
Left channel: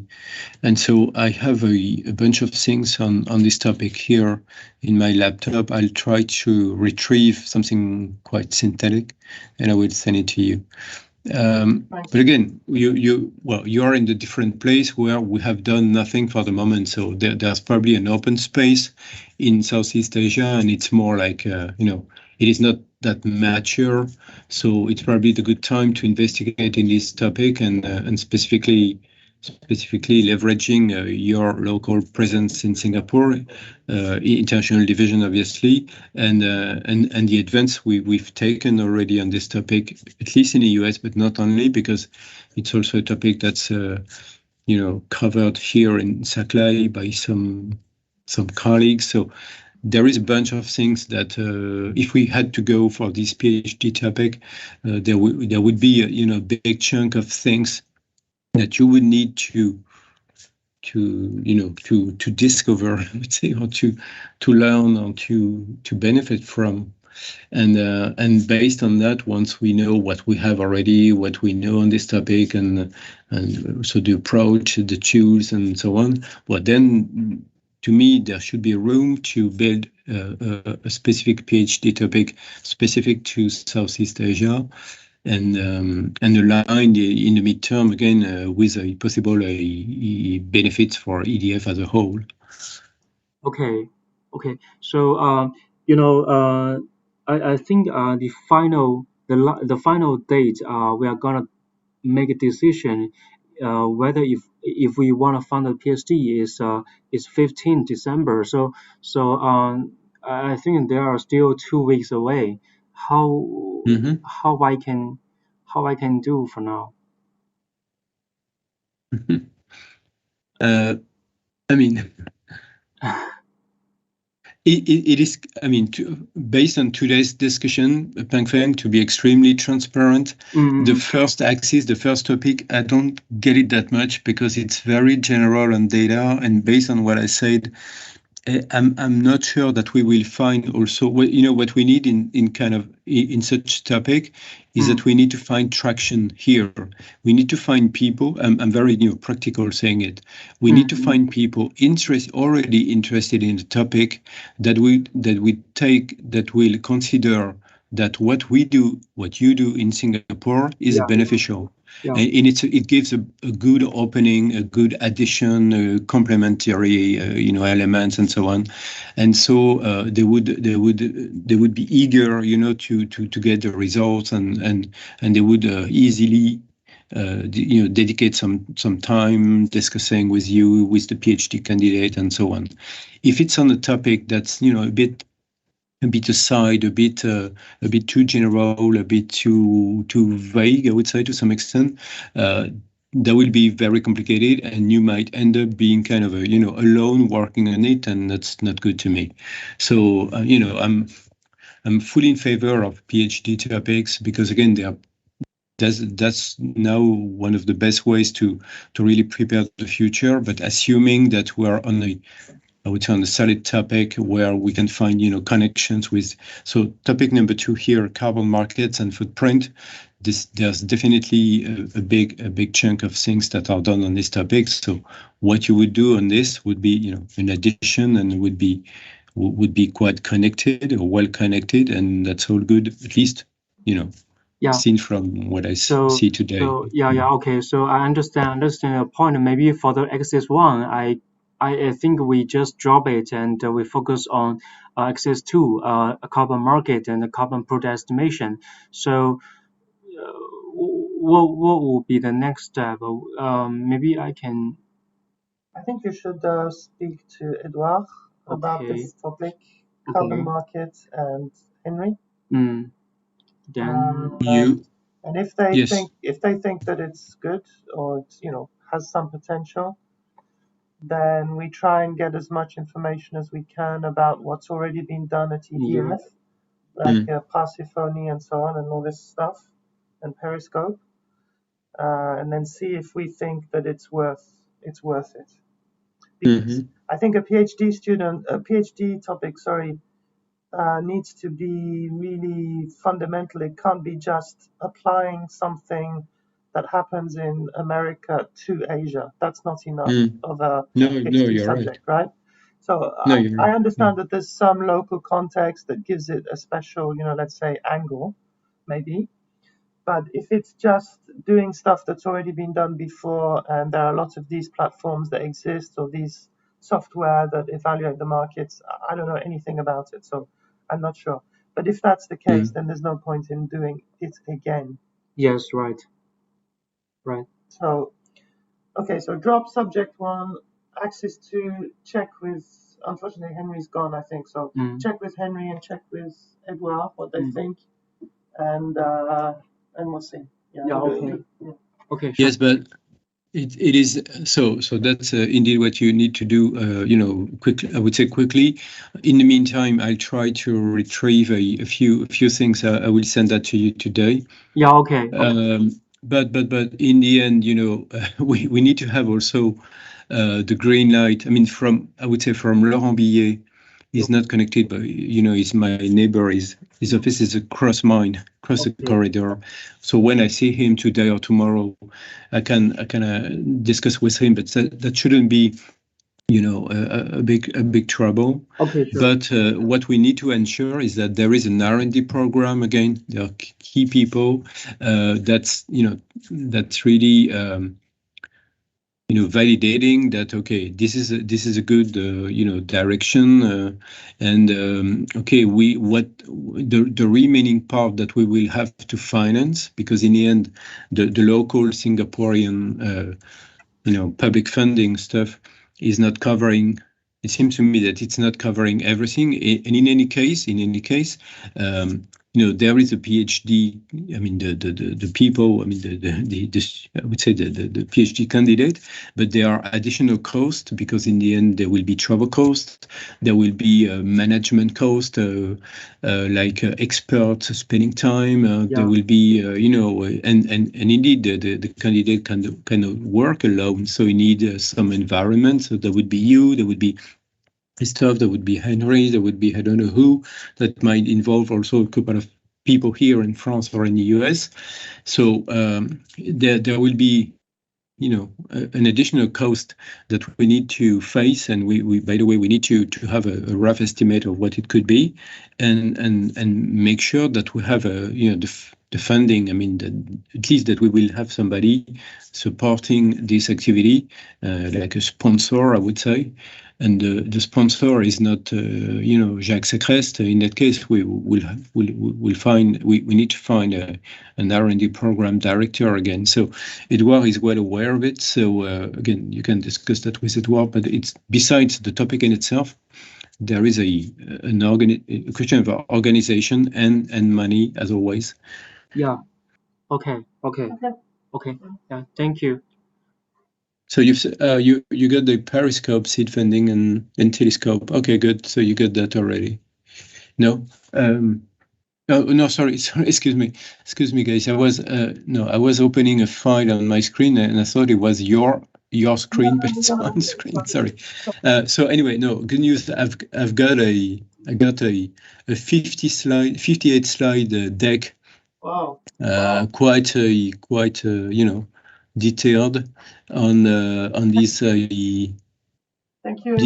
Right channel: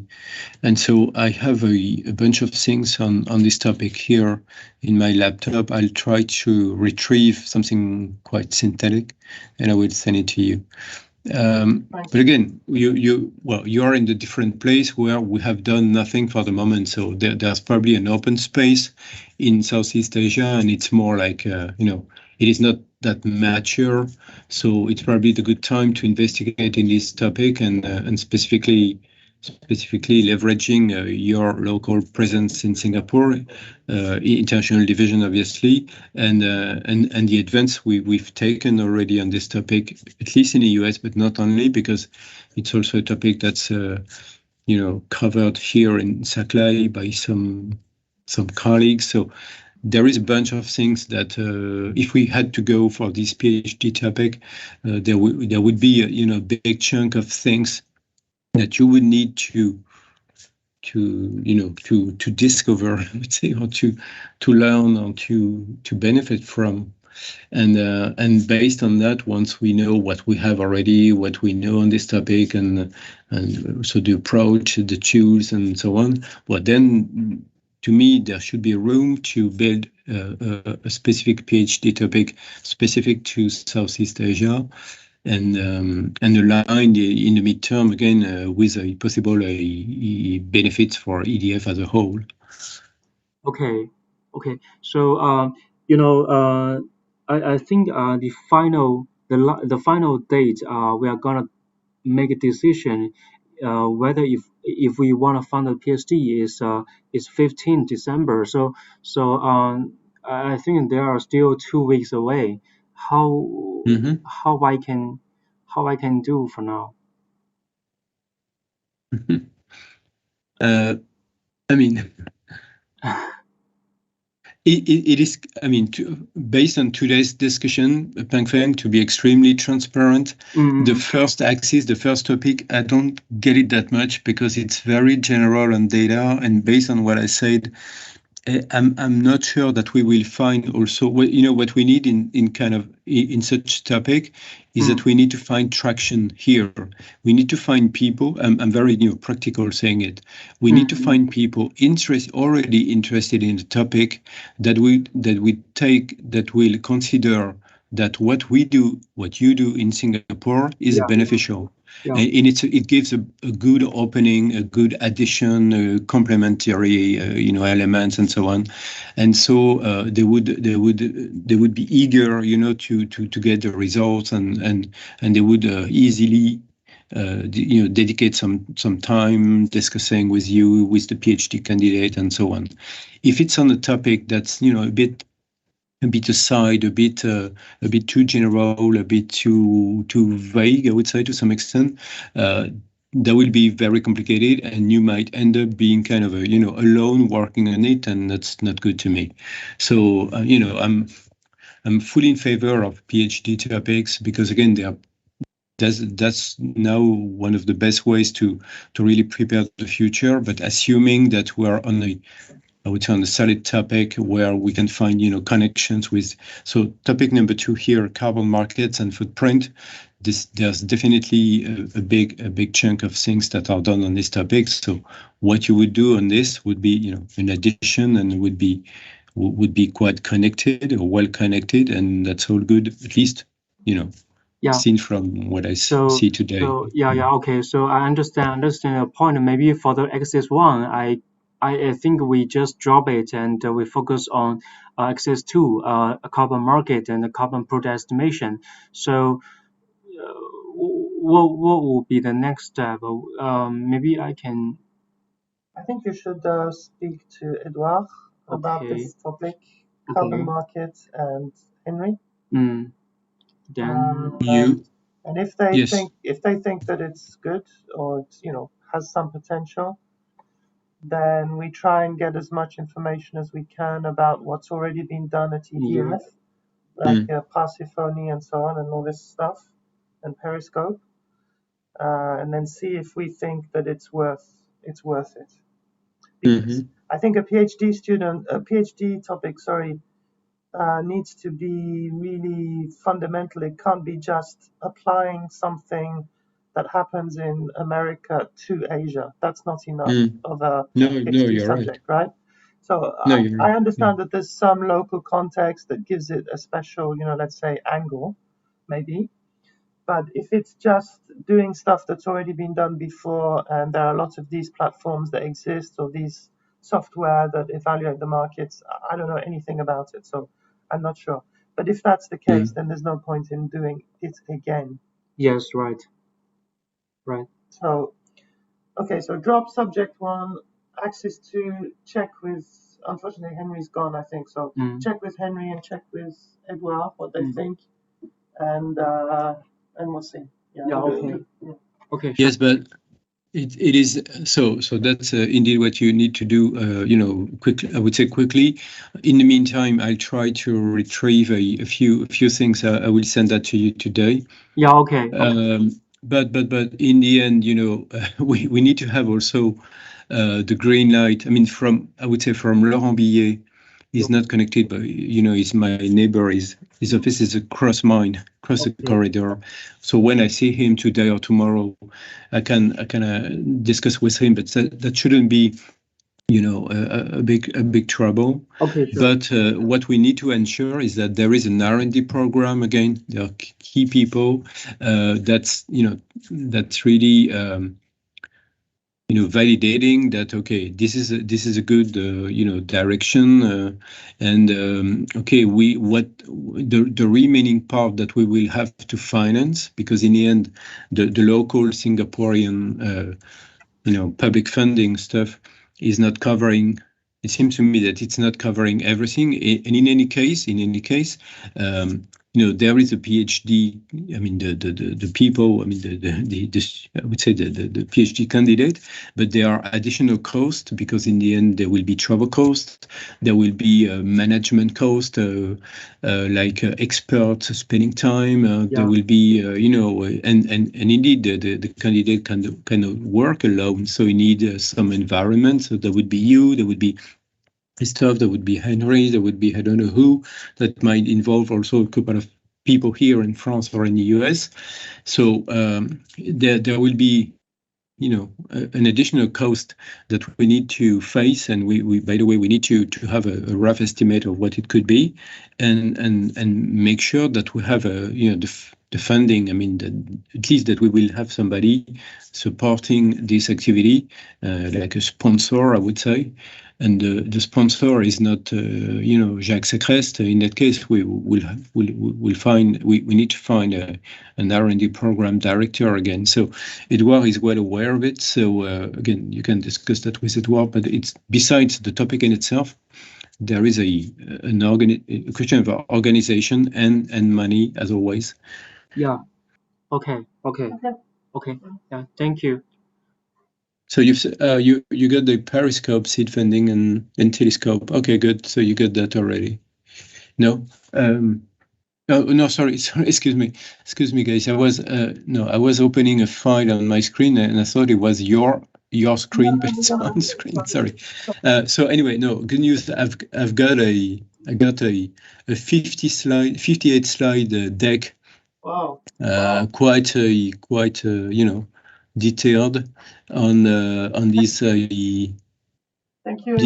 And so I have a bunch of things on this topic here in my laptop. I'll try to retrieve something quite synthetic, and I will send it to you. But again, you are in the different place where we have done nothing for the moment. So there's probably an open space in Southeast Asia, and it's more like it is not that mature. So it's probably the good time to investigate in this topic and specifically leveraging your local presence in Singapore, international division, obviously, and the advance we've taken already on this topic, at least in the US, but not only, because it's also a topic that's covered here in Saklai by some colleagues. So there is a bunch of things that if we had to go for this PhD topic, there would be a big chunk of things that you would need to discover, I would say, or to learn or to benefit from. And based on that, once we know what we have already, what we know on this topic, and so the approach, the tools, and so on, well, then to me there should be room to build a specific PhD topic specific to Southeast Asia, and aligned in the midterm again with a possible benefits for EDF as a whole. Okay. So I think the final date we are gonna make a decision whether if we want to fund a PhD is 15 December. So I think there are still 2 weeks away. How I can do for now? I mean, it is, I mean, based on today's discussion, Pengfeng, to be extremely transparent, the first axis, the first topic, I don't get it that much because it's very general on data, and based on what I said, I'm not sure that we will find also, what we need in such topic is that we need to find traction here. We need to find people. I'm very practical saying it. We need to find people already interested in the topic that will consider that what you do in Singapore is beneficial. Yeah. And it gives a good opening, a good addition, complementary, elements and so on, and so they would be eager, to get the results, and they would easily, dedicate some time discussing with you, with the PhD candidate, and so on. If it's on a topic that's a bit aside, a bit too general, a bit too vague, I would say, to some extent, that will be very complicated, and you might end up being kind of alone working on it, and that's not good to me. So I'm fully in favor of PhD topics because again that's now one of the best ways to really prepare the future. But assuming that we're on a solid topic where we can find, connections with. So topic number 2 here, carbon markets and footprint. There's definitely a big chunk of things that are done on this topic. So what you would do on this would be, an addition, and would be quite connected or well connected, and that's all good, at least, seen from what I see today. So okay. So I understand your point. Maybe for the axis 1, I think we just drop it and we focus on axis 2, a carbon market and a carbon product estimation. So what will be the next step? Maybe I can. I think you should speak to Edouard about this topic, carbon market, and Henry. Then and if they think that it's good or it's, has some potential, then we try and get as much information as we can about what's already been done at EDF, like Parsiphony and so on, and all this stuff, and Periscope, and then see if we think that it's worth it. Because I think a PhD topic, needs to be really fundamental. It can't be just applying something that happens in America to Asia. That's not enough of a PhD subject, right? So I understand that there's some local context that gives it a special, let's say, angle, maybe. But if it's just doing stuff that's already been done before, and there are lots of these platforms that exist, or these software that evaluate the markets, I don't know anything about it, so I'm not sure. But if that's the case, then there's no point in doing it again. Yes, right. So, okay, so drop subject 1, axis 2, check with, unfortunately Henry's gone, I think, so check with Henry and check with Edouard what they think, and we'll see. Okay. Yes, but it is so that's indeed what you need to do, quickly. I would say quickly. In the meantime, I'll try to retrieve a few things. I will send that to you today. Yeah, okay. but in the end, we need to have also the green light. I mean, I would say from Laurent Billet, he's not connected, but he's my neighbor. His office is across mine, across the corridor. So when I see him today or tomorrow, I can discuss with him. But that shouldn't be a big trouble. Okay, sure. But what we need to ensure is that there is an R&D program. Again, there are key people that's really validating that, okay, this is a good direction, and okay, the remaining part that we will have to finance, because in the end the local Singaporean public funding stuff is not covering. It seems to me that it's not covering everything. And in any case, there is a PhD. I mean, the people. I mean, I would say the PhD candidate, but there are additional costs, because in the end there will be travel costs, there will be management cost, like experts spending time. There will be, and indeed the candidate cannot work alone, so you need some environment. So there would be you, there would be Christophe, there would be Henry, there would be I don't know who, that might involve also a couple of people here in France or in the US. So there will be an additional cost that we need to face, and we by the way, we need to have a rough estimate of what it could be, and make sure that we have the funding. I mean, at least that we will have somebody supporting this activity, like a sponsor, I would say. And the sponsor is not, Jacques Secrest. In that case, we need to find an R&D program director again. So Edouard is well aware of it. So again, you can discuss that with Edouard. But it's besides the topic in itself, there is a question of organization and money, as always. Yeah. Okay. Yeah. Thank you. So you got the Periscope seed funding and Telescope. Okay, good. So you got that already. No. No, sorry. Excuse me, guys. I was opening a file on my screen and I thought it was your screen, but it's on screen. Sorry. So anyway, no. Good news. I got a 58 slide deck. Wow. Quite detailed on these Thank you.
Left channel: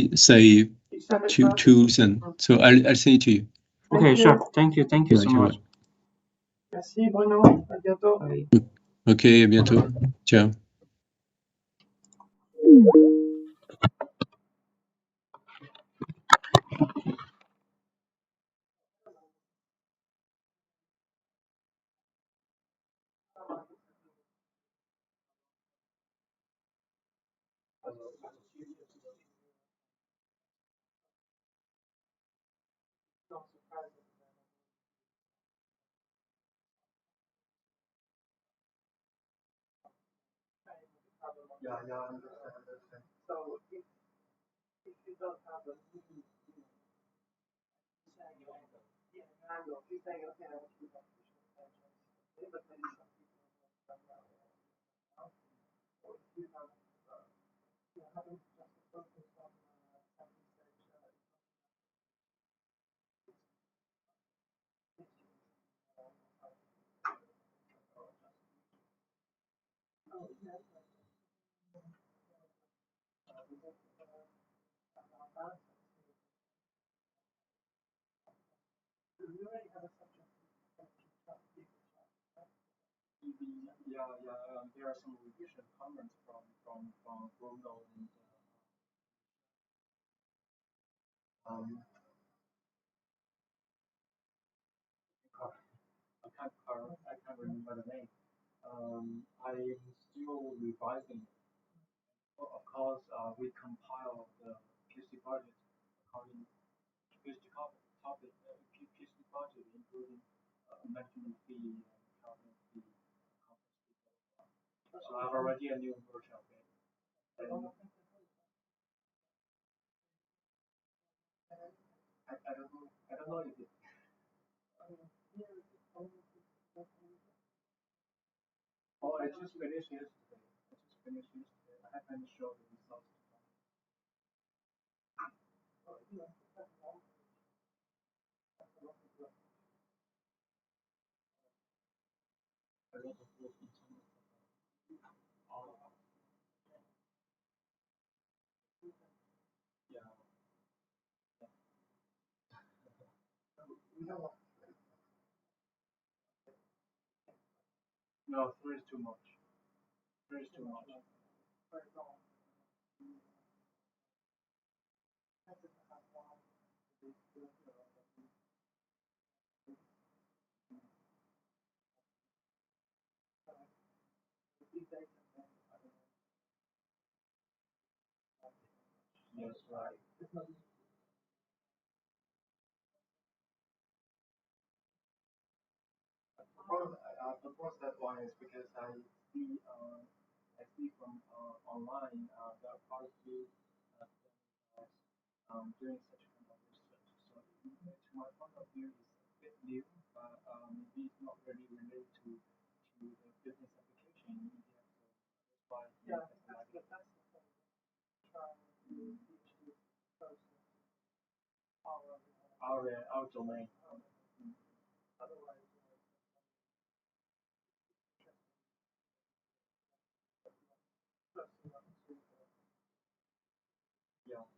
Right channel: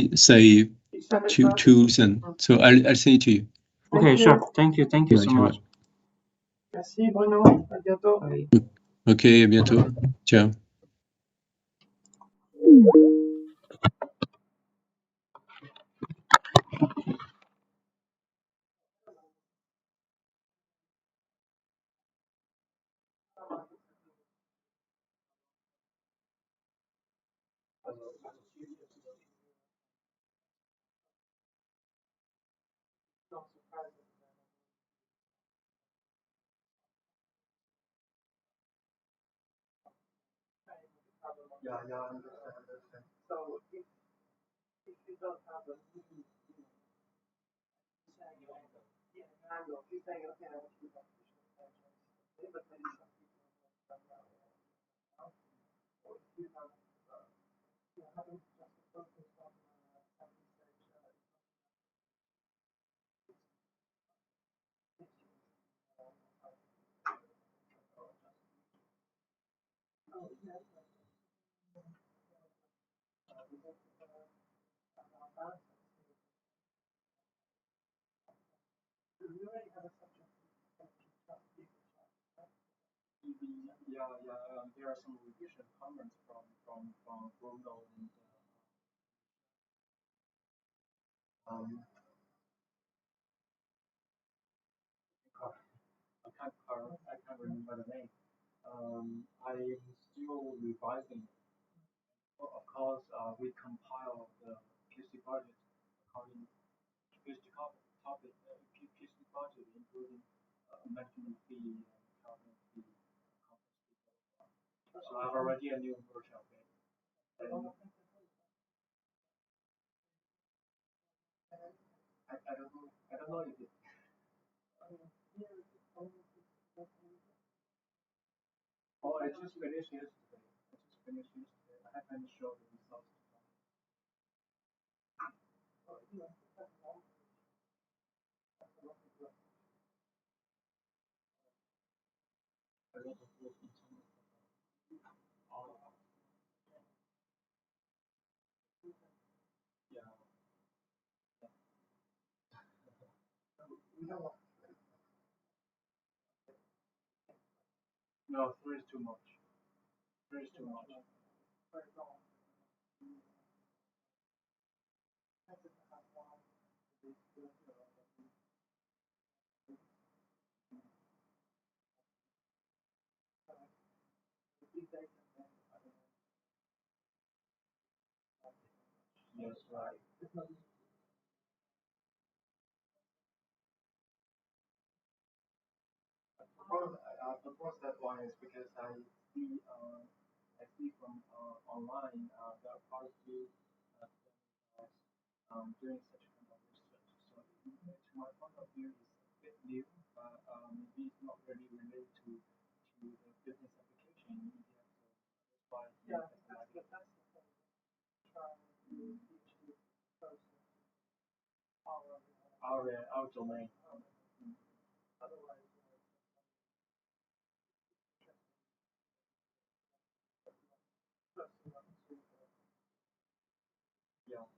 Tools, and so I'll send it to you. Okay, sure. Thank you so much. Merci Bruno. À bientôt. Ok, à bientôt. Ciao. So if you don't have a handle, if you say, okay, I want to do that, but maybe some people or if you have having just a focus on there are some revision comments from Bruno and I can't remember the name. I'm still revising. Well, of course, we compile the PC budget according to PC topic, PC budget, including management fee, conference fee, So I've already a new version of it. I don't know. I don't know if it. Oh, I just finished yesterday. I haven't shown the results. No, three is too much. Three is too much. Yes, right. The first one is because I see from online there are quite a few doing such kind of research. So to my point of view, it's a bit new, but maybe it's not really related to the business application in India. That's why our domain. Yeah.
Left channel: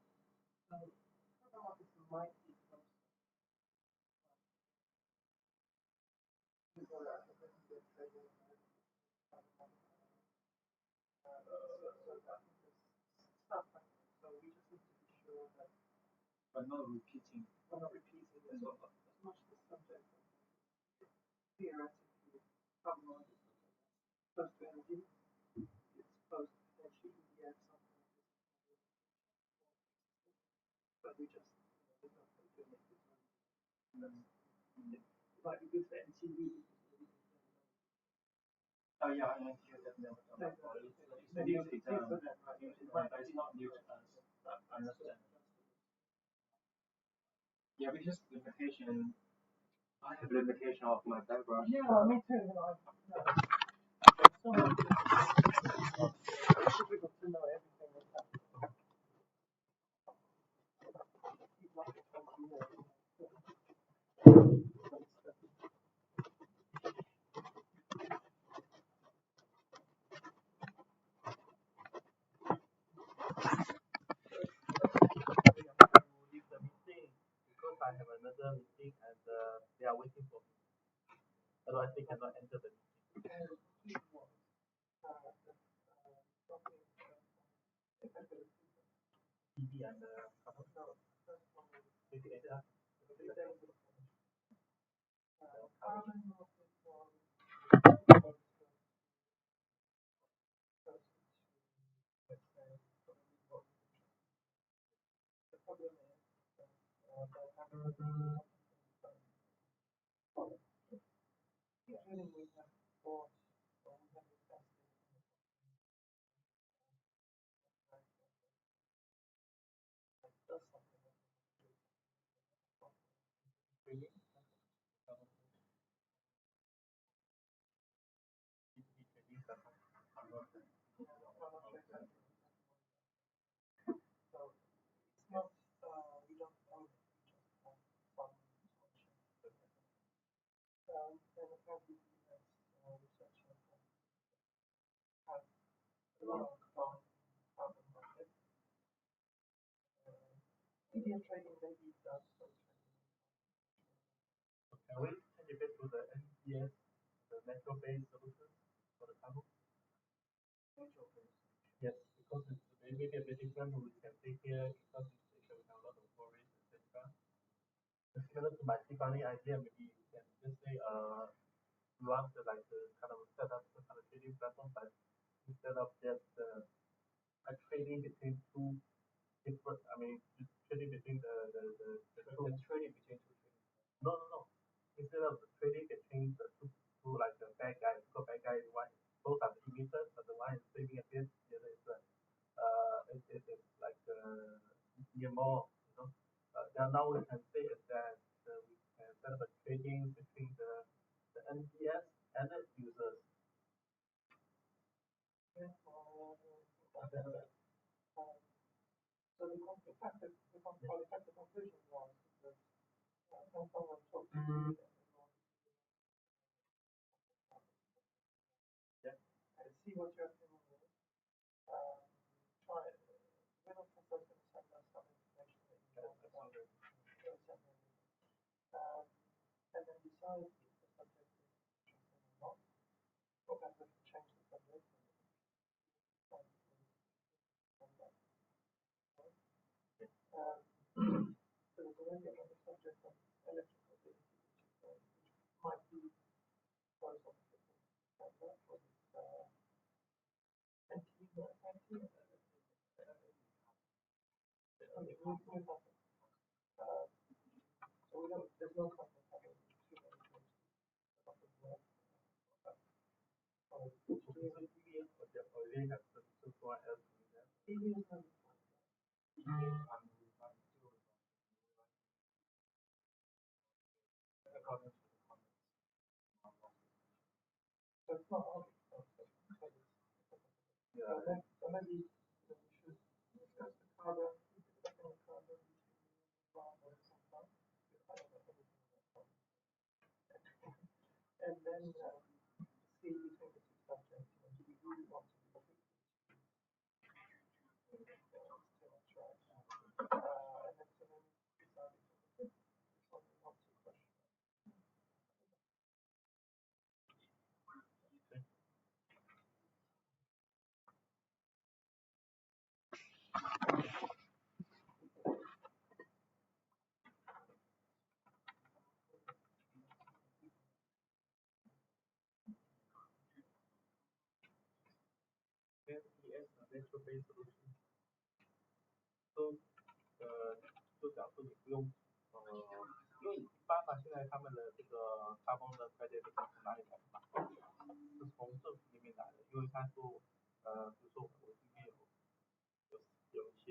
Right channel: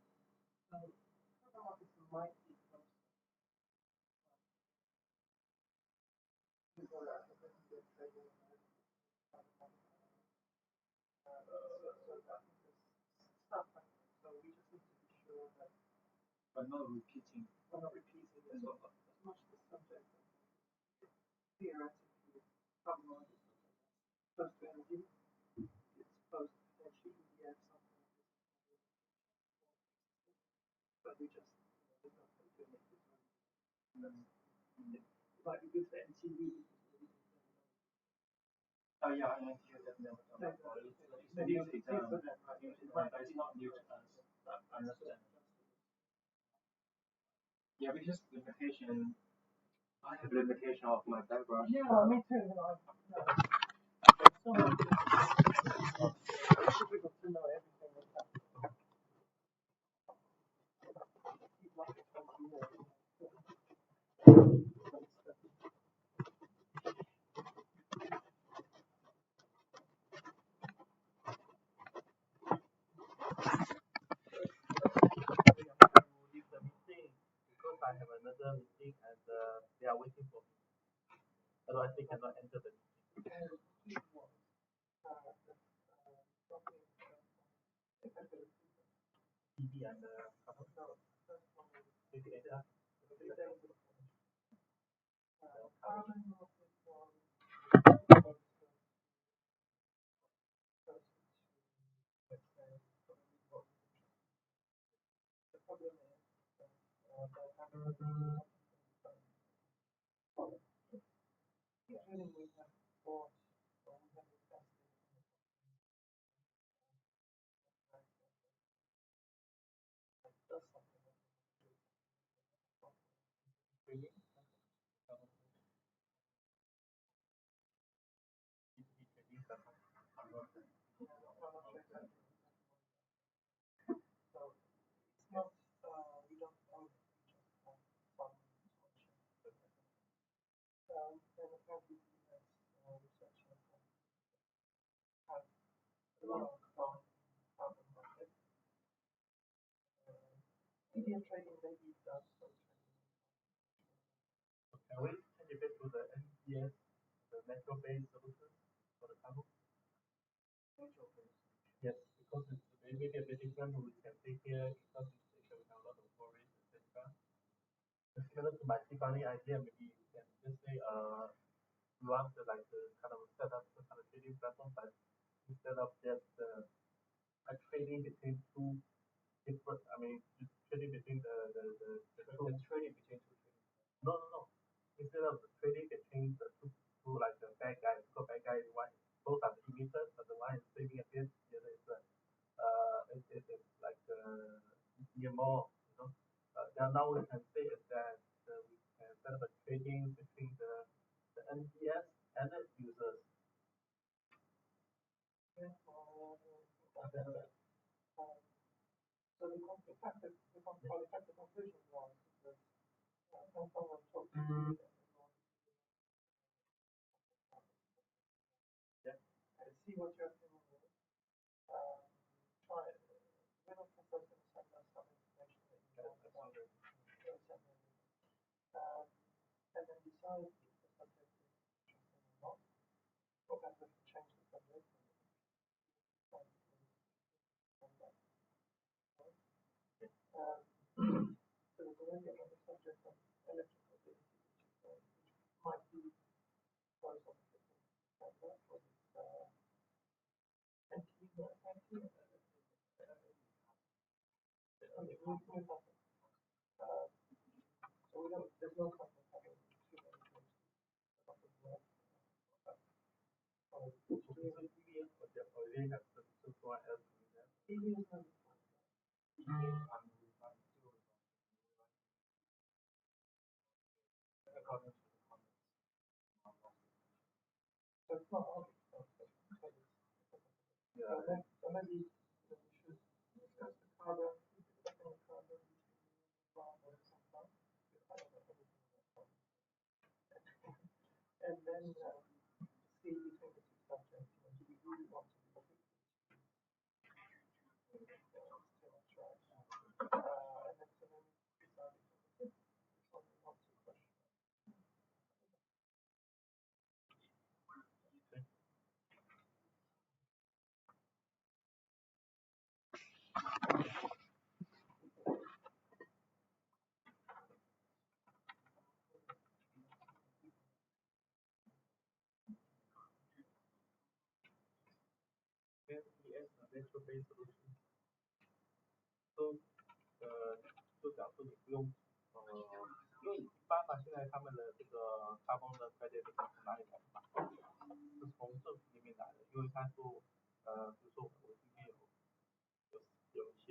But not repeating. As well. As much as the subject theoretically someone supposed to energy, it's supposed to potentially get something but we just like we could say MTV. Oh yeah, I hear that now. It's new to them, but it's not new to us. I understand. Yeah, because limitation. I have limitation of my background. Yeah, me too. So difficult to know everything that's happening. Leave the meeting because I have another meeting and they are waiting for me. Otherwise, they cannot enter the meeting. EDB and Indian trading maybe does. Can we take it back to the NCS, the natural-based solution for the carbon? Natural-based. Yes, because it's maybe a bit different. We can take here because it's a lot of storage, etc. Similar to my Tifani idea, maybe you can just say run the like the kind of set up the kind of trading platform, but instead of just trading between two different, I mean, just trading between the trading between two. No. Instead of trading between the two like the bad guy, so bad guy is one, both are emitters, but the one is saving a bit, the other is it's like more, you know. Now we can say is that we can set up a trading between the NCS and the users. So the conclusion was that when someone talks to you and see what your opinion is, try it. Little consultant send us some information that you can about it, and then decide if the subject is interesting or not. Or whether to change the subject. So there's already another subject on electrical vehicles, which might be close on the that was anti so we don't, there's no point in having too many things. So it's not all so maybe we should discuss the carbon, and then see between the two subjects, do we really want to do it? And then so then decide which one we want to question. Nature-based solutions. So 就假设你不用因为一般嘛，现在他们的这个carbon的 credit 是从哪里来的嘛？是从政府那边来的，因为他说比如说我这边有一些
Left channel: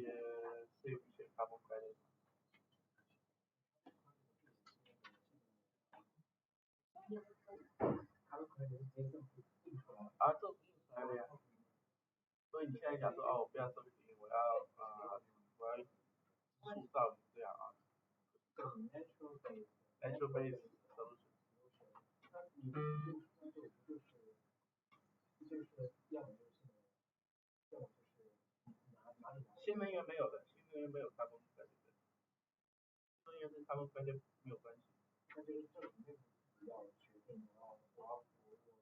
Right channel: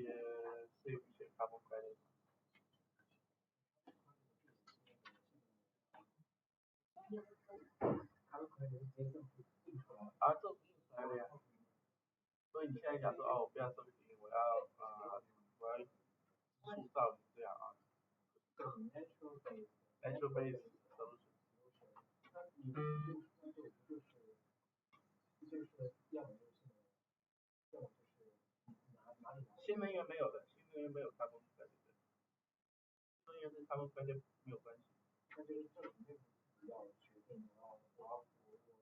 税务一些 carbon credit。政府印出来的呀。所以你现在讲说哦，不要收紧，我要塑造这样啊。natural based solution。新能源没有的，新能源没有carbon credit，新能源跟carbon credit没有关系。那就是政府内部要决定，然后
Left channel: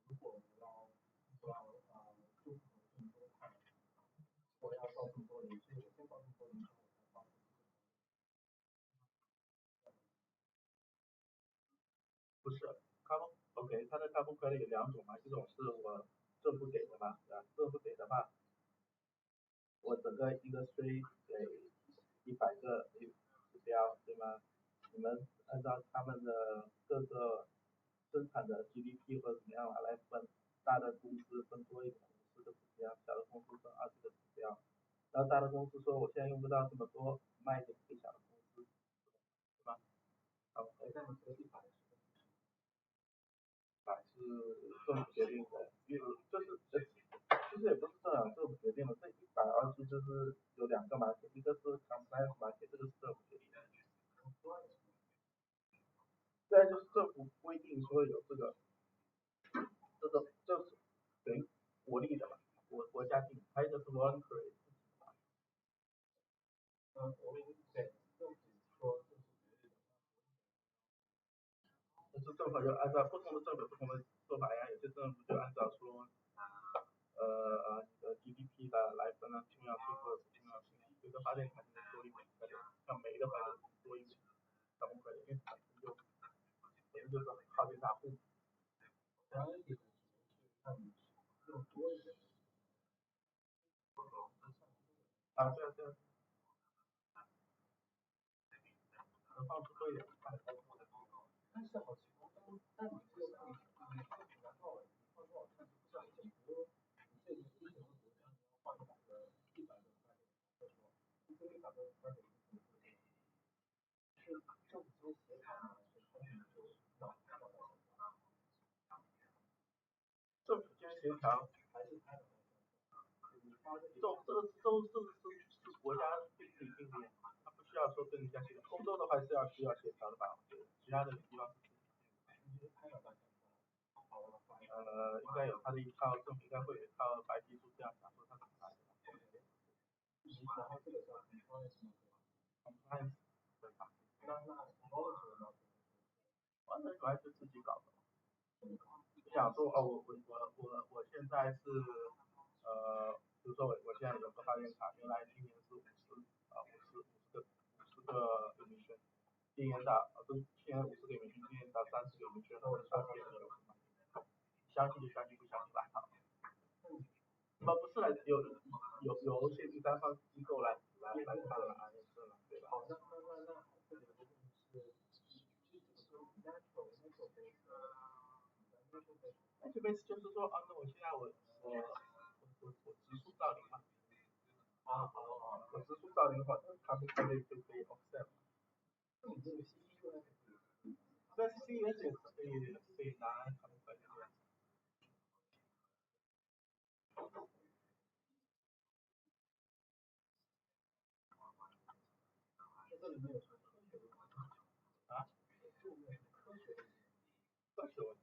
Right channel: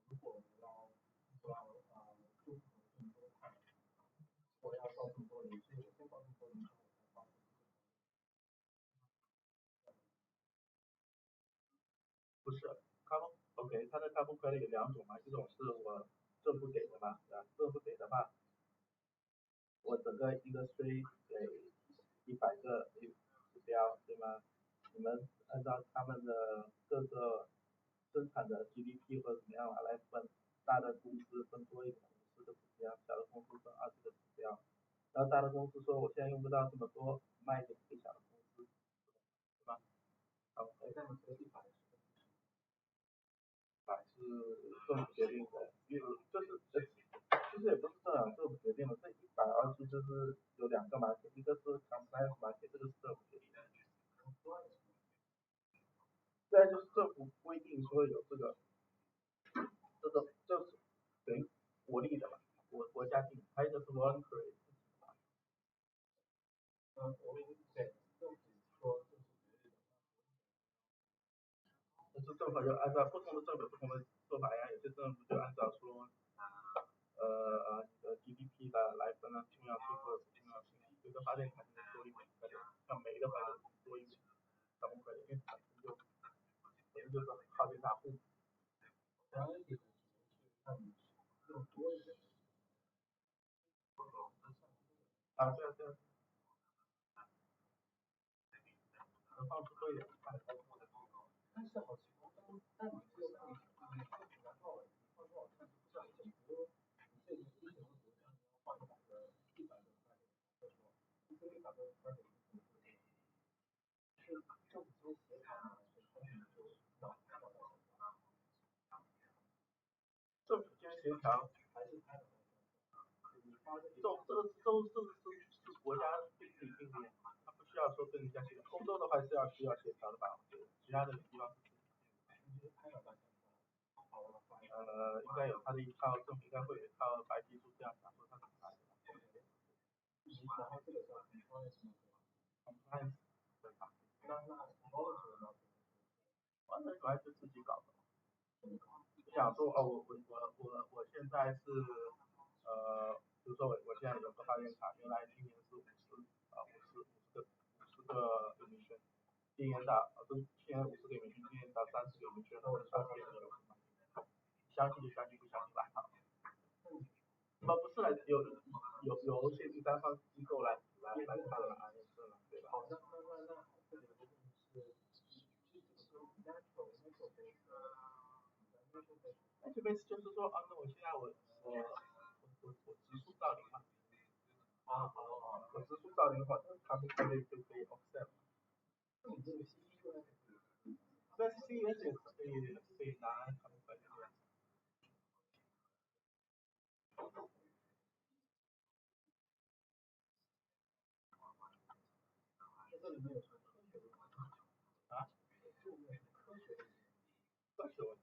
如果要就我要烧这么多人，所以我先把这么多人不是carbon OK， 它的carbon credit有两种嘛，一种是我政府给的嘛，政府给的话，我整个industry给100个指标，对吗？你们按照他们的各个生产的 GDP 或怎么样来分，大的公司分多一点50个指标，小的公司分20个指标，然后大的公司说我现在用不到这么多，卖给最小的公司，是吧？好，那么这个100是政府决定的，就是其实也不是政府决定的，这120就是有2个market，一个是 compliance market， 这个是政府决定的。虽然就是政府规定说有这个就是等于国力的嘛，国家定，还有一个是 voluntary。我们对政府说就是政府就按照不同的政府不同的做法呀，有些政府就按照说GDP 来分了，重要税或者是重要税，有的发电产能多一点，像煤的话就多一点，咱们可以运产就也就是靠近大户。啊，对啊对啊。能放出多一点。但是好奇怪，但你这个然后不知道整个这个一个国家要放100个100个一个100个是政府协调还是他们就让政府间协调还是政府这个是国家必须定的，它不需要说跟人家协调。欧洲的话是需要协调的吧？其他的地方。应该有它的一套政府应该会有一套白皮书这样讲说它怎么来的。对吧？完全主要是自己搞的。就想说我现在是比如说我现在有个发电厂，原来今年是50个给你选，今年到现在50个给你选，今年到30个给你选，那我30个给你相信就相信，不相信来看。不是来由现第三方机构来看对吧？这边就是说那我现在我植树造林嘛，我植树造林的话，他们可以offset。但是 C 也是可以拿他们本地。啊？科学问题。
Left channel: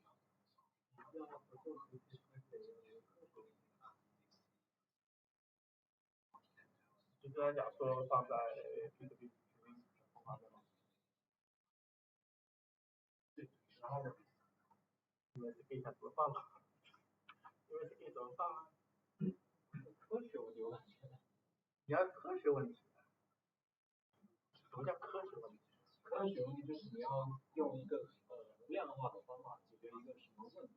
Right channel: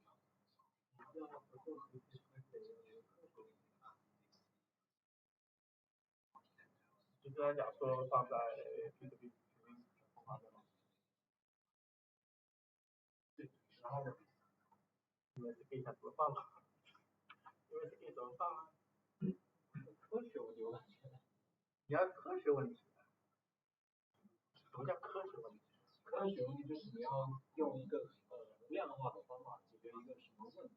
就跟他讲说放在 EDB 然后因为是可以怎么放嘛？因为是可以怎么放啊？科学问题，你要科学问题。什么叫科学问题？科学问题就是你要用一个量化的方法解决一个什么问题。